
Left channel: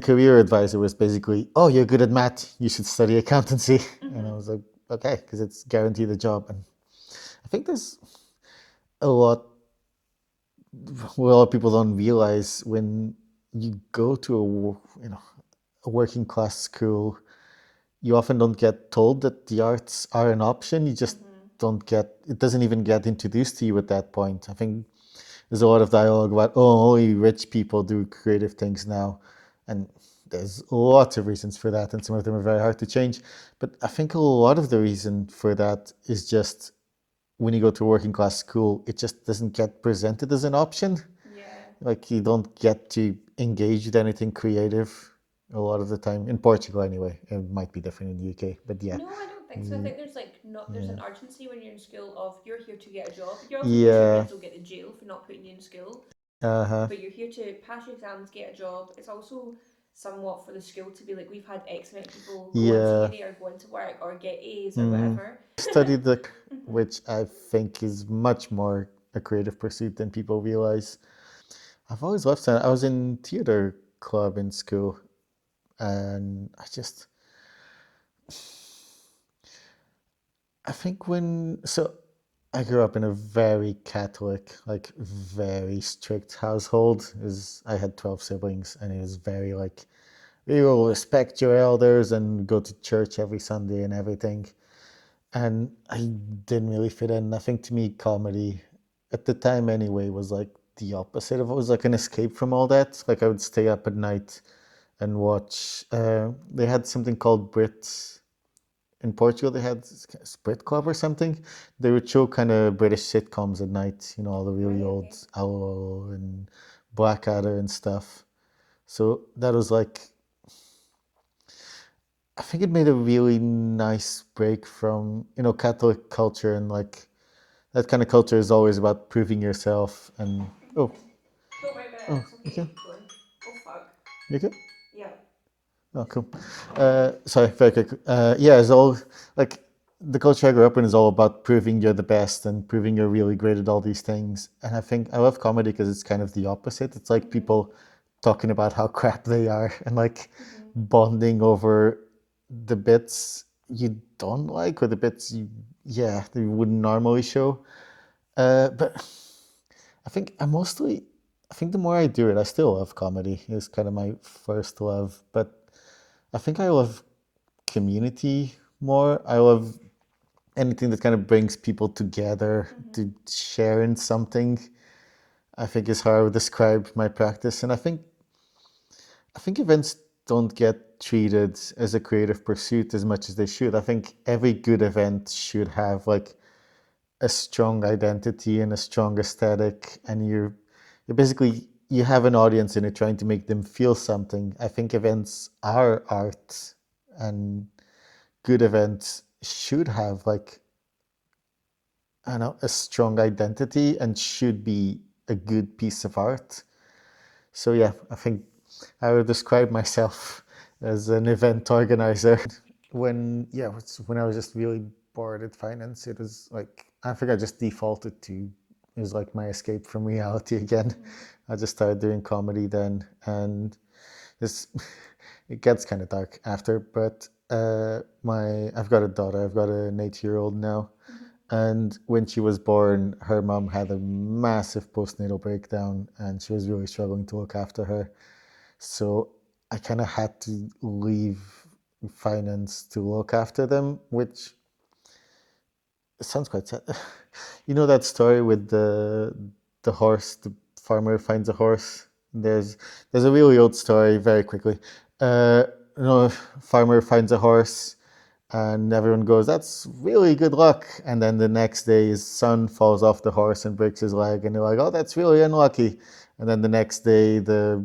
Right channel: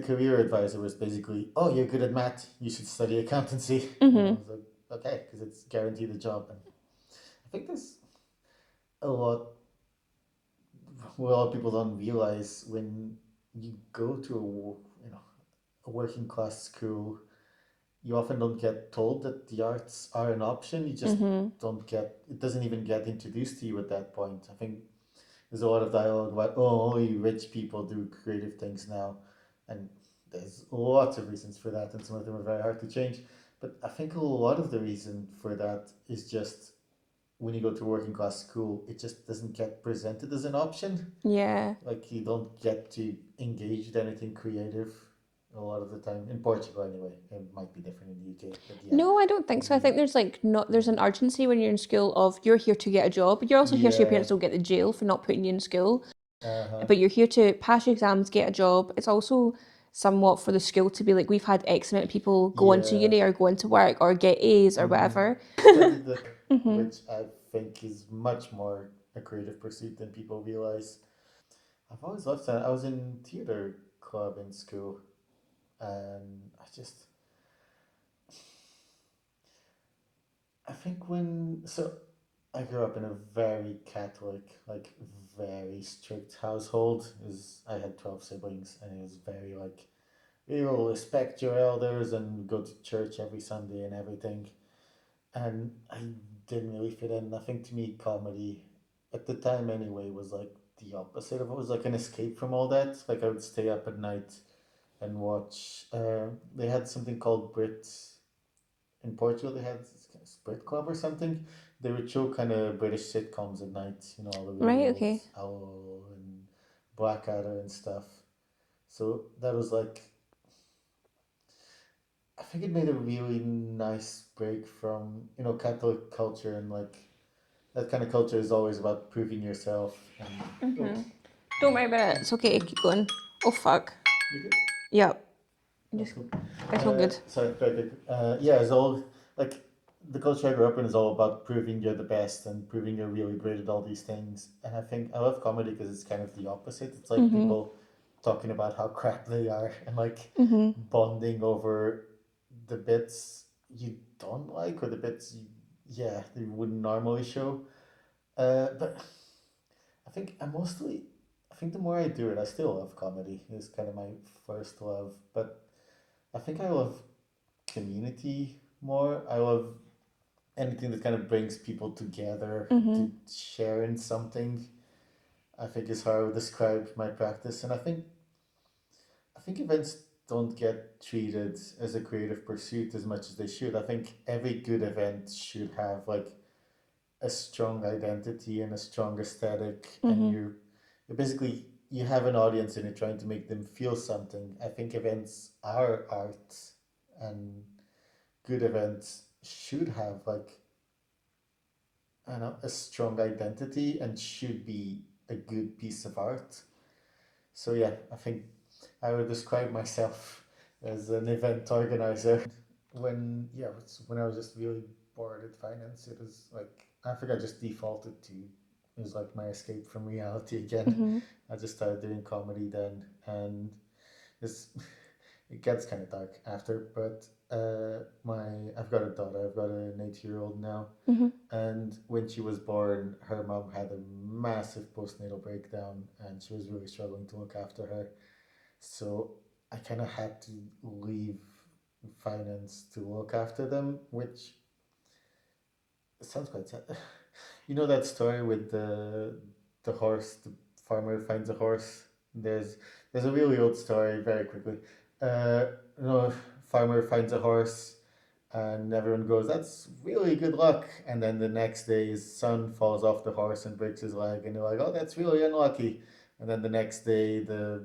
career advisor was basically, oh, you're good at math, you should study accountancy. And I was like, okay, because it's guaranteed a job. And I think there's a lot what a lot of people don't realize when you go to a working class school, you often don't get told that the arts are an option. You just don't get, it doesn't even get introduced to you at that point. I think there's a lot of dialogue about, oh, only rich people do creative things now. And there's lots of reasons for that, and some of them are very hard to change. But I think a lot of the reason for that is just when you go to a working class school, it just doesn't get presented as an option. Yeah. Like you don't get to engage with anything creative a lot of the time. In Portugal anyway. It might be different in the UK, but yeah. No, I don't think so. I think there's like not there's an urgency when you're in school of you're here to get a job. You're also here so your Yeah. parents don't get to jail for not putting you in school. Uh-huh. But you're here to pass your exams, get a job. It's also somewhat for the school to be like, we've had X amount of people go into Yeah. uni or go into work or get A's or whatever. Studied the which I think is much more a creative pursuit than people realize. I've always loved that. I was in theater club in school, and I think I grew up in a very Catholic, like very strict household. I had 12 siblings, and it was very like, you will respect your elders and go to church every Sunday and everything. And I didn't really fit in. I think to me, comedy, at the time anyway, was like the opposite of it. Was like an escape from all that. Like I would stay up at night and watch. They had something called Brits in Portugal. They had Brit Club or something. They would show kind of British sitcoms at night. You know, all the really Right, old okay. Owl and Blackadder and stuff. So that was like, I think it made a really nice break from, Catholic culture, and like that kind of culture is always about proving yourself and Don't worry about it. It's okay. Keep going. Oh, fuck. you good? Yep. Oh, cool. It's all good. Sorry, very quick. Yeah, it's all like the culture I grew up in is all about proving you're the best and proving you're really great at all these things. And I think I love comedy because it's kind of the opposite. It's like people talking about how crap they are and like bonding over the bits you don't like or the bits they wouldn't normally show. But I think the more I do it, I still love comedy. It's kind of my first love, but I think I love community more. I love anything that kind of brings people together to share in something. I think is how I would describe my practice, and I think events don't get treated as a creative pursuit as much as they should. I think every good event should have like a strong identity and a strong aesthetic, and you're basically you have an audience and you're trying to make them feel something. I think events are art, and good events should have like, I don't know, a strong identity and should be a good piece of art. So yeah, I think I would describe myself as an event organizer. When I was just really bored at finance, it was like I think I just defaulted to it was like my escape from reality again. I just started doing comedy then, and this it gets kind of dark after. But my I've got a daughter. I've got an 8-year-old now, and when she was born, her mom had a massive postnatal breakdown, and she was really struggling to look after her. So I kind of had to leave finance to look after them, which sounds quite sad. You know that story with the horse, the farmer finds a horse. There's a really old story. Very quickly, uh, farmer finds a horse, and everyone goes, "That's really good luck." And then the next day, his son falls off the horse and breaks his leg, and they're like, "Oh, that's really unlucky." And then the next day, the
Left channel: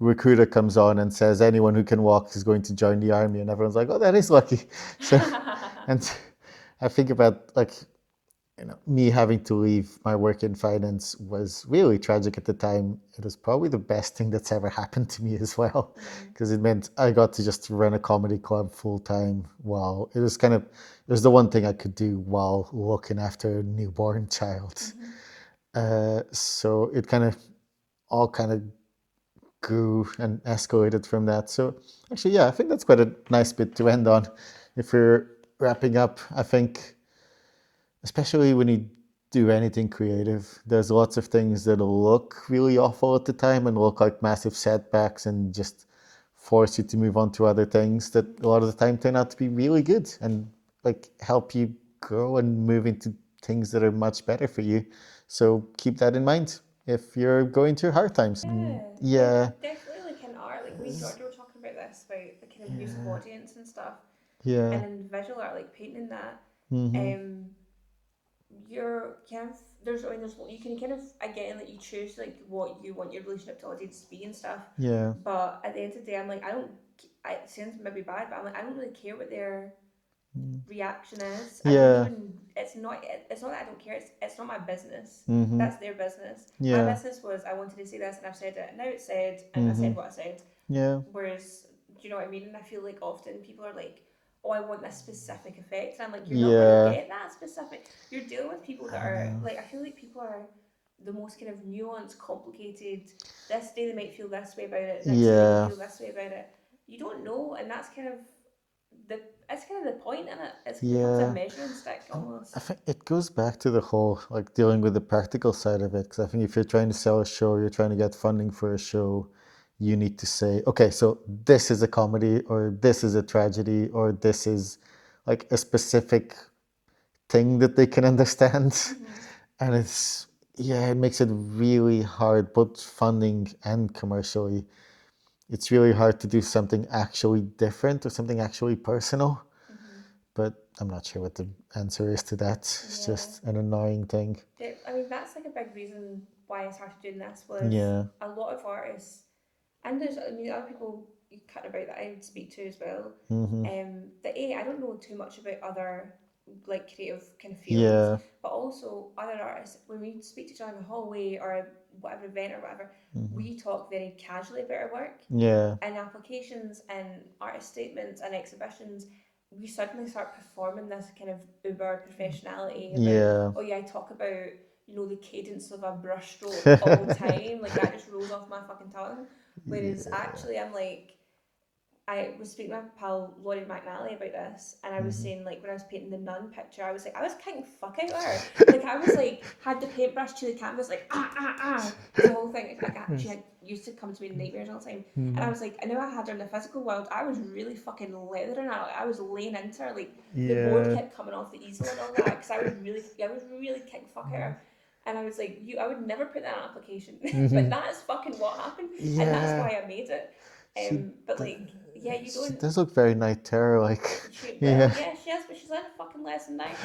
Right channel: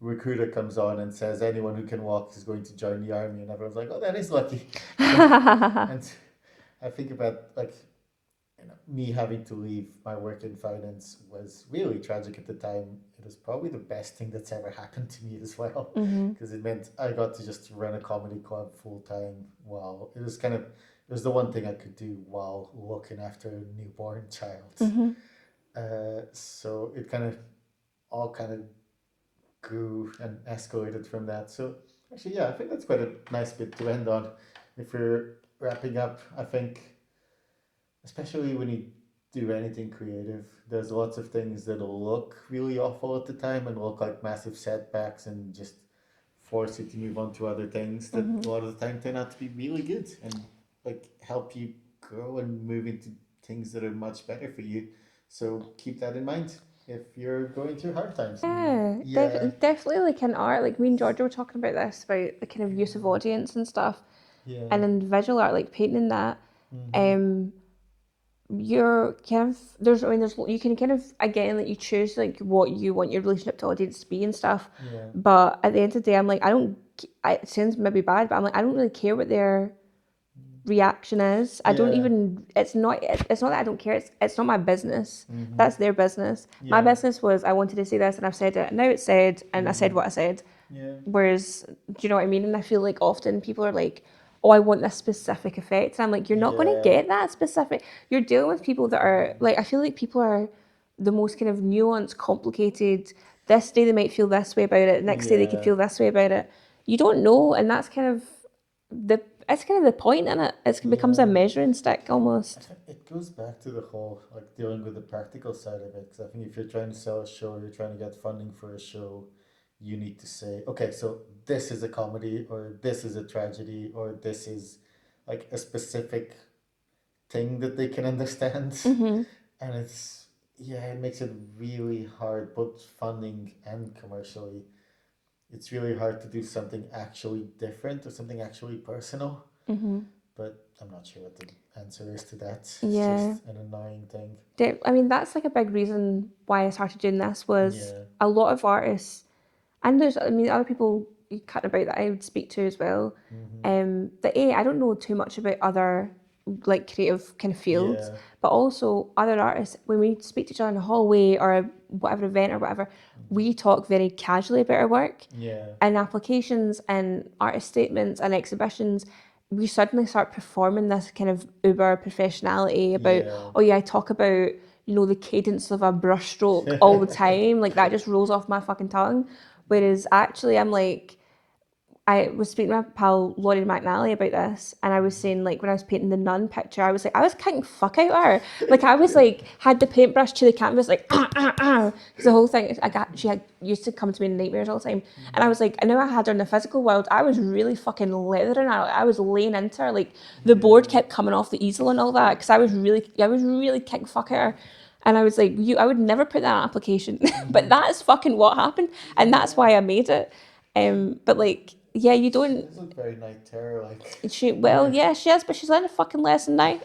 recruiter comes on and says, "Anyone who can walk is going to join the army," and everyone's like, "Oh, that is lucky." So, and I think about like me having to leave my work in finance was really tragic at the time. It was probably the best thing that's ever happened to me as well, because it meant I got to just run a comedy club full time while it was the one thing I could do while looking after a newborn child. So it all kind of grew and escalated from that. So actually, yeah, I think that's quite a nice bit to end on. If we're wrapping up, I think especially when you do anything creative, there's lots of things that'll look really awful at the time and look like massive setbacks and just force you to move on to other things that a lot of the time turn out to be really good and like help you grow and move into things that are much better for you. So keep that in mind if you're going through hard times. Yeah, Definitely like in art, like me and Georgia were talking about this, about the kind of use of audience and stuff. yeah. And in visual art, like painting that, um, you're kind of there's you can kind of again like you choose like what you want your relationship to audience to be and stuff, Yeah. but at the end of the day I'm like it sounds maybe bad, but I'm like I don't really care what their reaction is. I don't Yeah. even it's not that I don't care, it's not my business. Mm-hmm. That's their business. My Yeah. business was I wanted to say this and I've said it and now it's said and I Mm-hmm. said what I said. Yeah. Whereas, do you know what I mean? And I feel like often people are like, oh, I want this specific effect. And I'm like, you're not going to Yeah. get that specific. You're dealing with people that I are know. like, I feel like people are the most kind of nuanced, complicated. This day they might feel this way about it. Next day they could Yeah. feel this way about it. You don't know. And that's kind of it's kind of the point in it. It becomes a Yeah. measuring stick I almost. think it goes back to the whole like dealing with the practical side of it. Because I think if you're trying to sell a show, you're trying to get funding for a show, you need to say, okay, so this is a comedy, or this is a tragedy, or this is like a specific thing that they can understand. Mm-hmm. And it's, yeah, it makes it really hard, both funding and commercially. It's really hard to do something actually different or something actually personal. Mm-hmm. But I'm not sure what the answer is to that. It's Yeah. just an annoying thing. I mean, that's like a big reason why I started doing this was Yeah. a lot of artists, and there's, I mean, other people you cut about that I would speak to as well. Mm-hmm. That I don't know too much about other like creative kind of fields, Yeah. but also other artists. When we speak to each other in the hallway or a whatever event or whatever, Mm-hmm. we talk very casually about our work Yeah. and applications and artist statements and exhibitions. We suddenly start performing this kind of uber professionality about, Yeah. oh yeah, I talk about, you know, the cadence of a brushstroke all the time. Like that just rolls off my fucking tongue. Whereas Yeah. actually I'm like, I was speaking to my pal Laurie McNally about this, and I was Mm-hmm. saying like when I was painting the nun picture, I was like I was kicking fuck out of her. Like I was like had the paintbrush to the canvas like because the whole thing I got she had used to come to me in nightmares all the time, and I Mm-hmm. was like I know I had her in the physical world. I was really fucking leathering her. I was laying into her like the board Yeah. kept coming off the easel and all that because I was really kicking fuck out of her. And I was like, I would never put that on application, but Mm-hmm. that is fucking what happened, and that's Yeah. why I made it. She But like, yeah, you she don't. does look very night terror like. Well, Yeah. yeah, she is, but she's learned a fucking lesson now.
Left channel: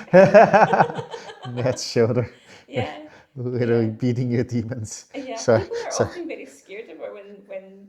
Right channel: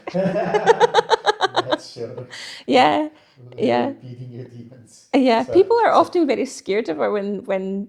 Matt's shoulder. Yeah, Literally yeah, beating your demons. yeah. Sorry. People are Sorry. often very scared of her when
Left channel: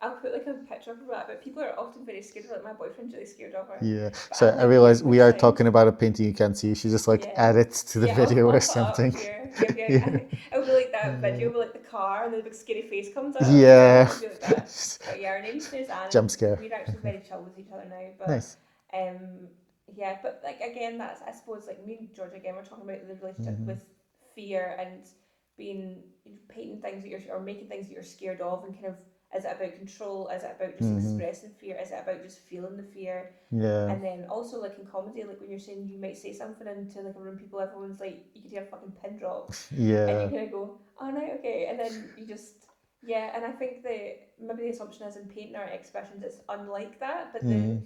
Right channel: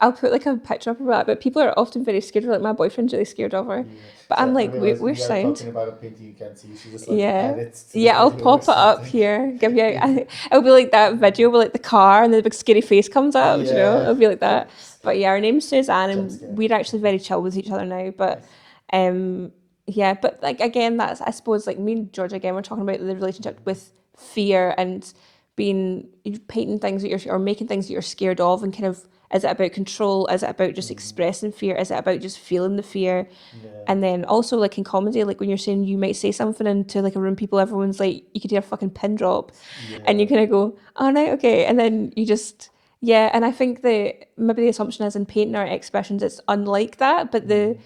I'll put like a picture up of that, but people are often very scared of her. Like my boyfriend's really scared of her, Yeah. but So I'm I like, realize we're we are sound. talking about a painting you can't see. You should just like Yeah. add it to the Yeah, I'll video or pop it up something. here. Give you. Yeah. It'll be like that video with like the car and the big scary face comes up. You know, Yeah. it'll be like that. But yeah, our name's Suzanne, Jump and scare. we're actually very chill with each other now. But Nice. um, yeah, but like again, that's I suppose like me and George again, we're talking about the relationship Mm-hmm. with fear and being painting things that you're or making things that you're scared of, and kind of is it about control? Is it about just Mm-hmm. expressing fear? Is it about just feeling the fear? Yeah. And then also like in comedy, like when you're saying you might say something into like a room, people, everyone's like, you could hear a fucking pin drop, and you Yeah. kind of go, oh no, okay, and then you just yeah. And I think the maybe the assumption is in painting or exhibitions, it's unlike that, but Mm-hmm.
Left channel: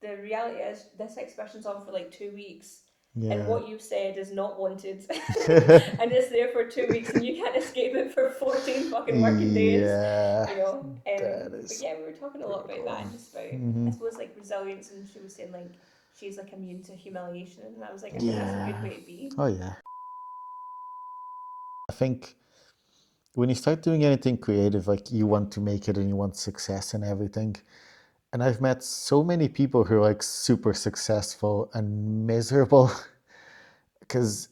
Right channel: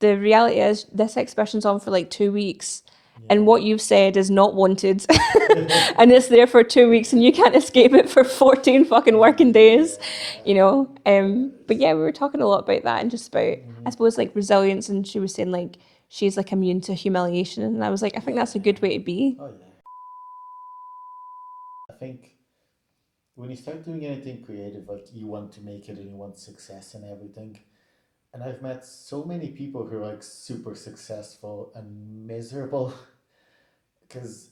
the reality is this exhibition's on for like 2 weeks. And Yeah. what you've said is not wanted, and it's there for 2 weeks, and you can't escape it for 14 fucking working days, Yeah. you know. That But is. yeah, we were talking a lot about that and just about, I Mm-hmm. suppose, like resilience. And she was saying like she's like immune to humiliation, and I was like, I think that's a good Yeah. way to be. Oh yeah. I think when you start doing anything creative, like you want to make it and you want success and everything. And I've met so many people who are like super successful and miserable because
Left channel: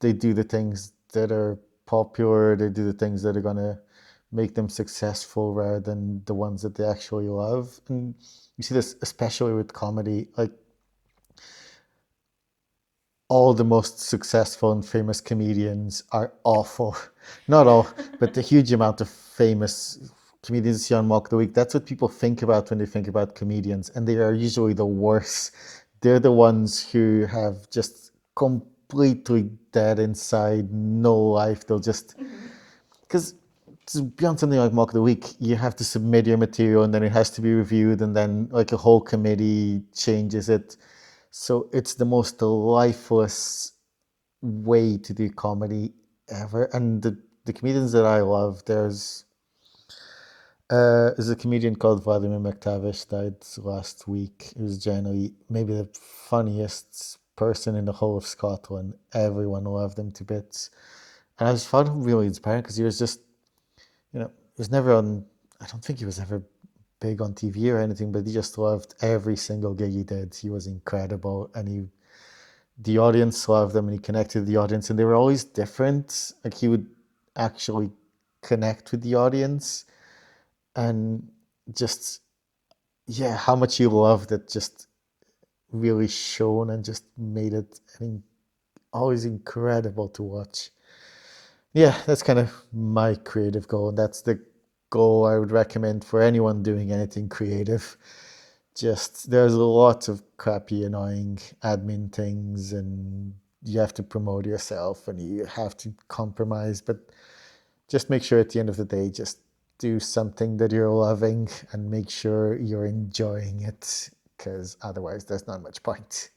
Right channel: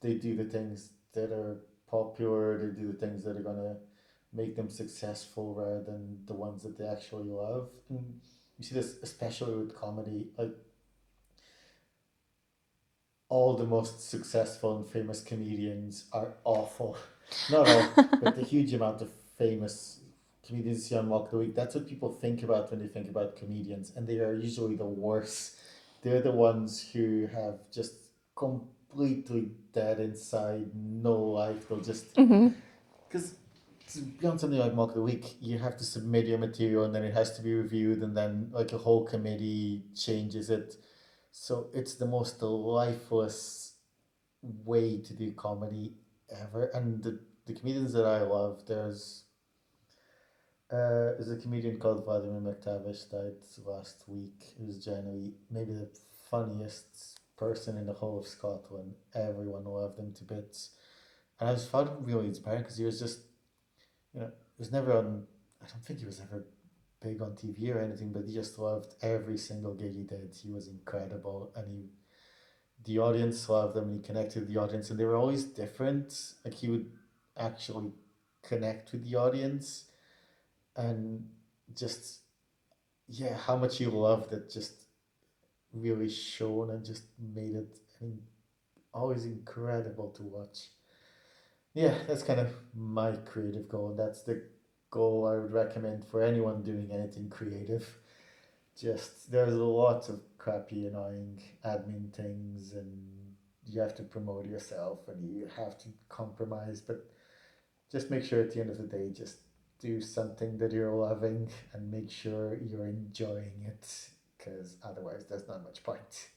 they do the things that are popular, they do the things that are gonna make them successful rather than the ones that they actually love. And you see this especially with comedy, like all the most successful and famous comedians are awful. Not all, but the huge amount of famous comedians you see on Mock of the Week, that's what people think about when they think about comedians. And they are usually the worst. They're the ones who have just completely dead inside, no life. They'll just, Mm-hmm. because to be on something like Mock of the Week, you have to submit your material and then it has to be reviewed and then like a whole committee changes it. So it's the most lifeless way to do comedy ever. And the comedians that I love, there's a comedian called Vladimir McTavish died last week. He was generally maybe the funniest person in the whole of Scotland. Everyone loved him to bits. And I just found him really inspiring because he was just, he was never on, I don't think he was ever big on TV or anything, but he just loved every single gig he did. He was incredible, and the audience loved him, and he connected with the audience, and they were always different. Like he would actually connect with the audience, and just yeah, how much he loved it just really shone and just made it always incredible to watch. Yeah, that's kind of my creative goal. That's the goal I would recommend for anyone doing anything creative. Just there's a lot of crappy, annoying admin things, and you have to promote yourself and you have to compromise. But just make sure at the end of the day, just do something that you're loving and make sure you're enjoying it, because otherwise, there's not much point.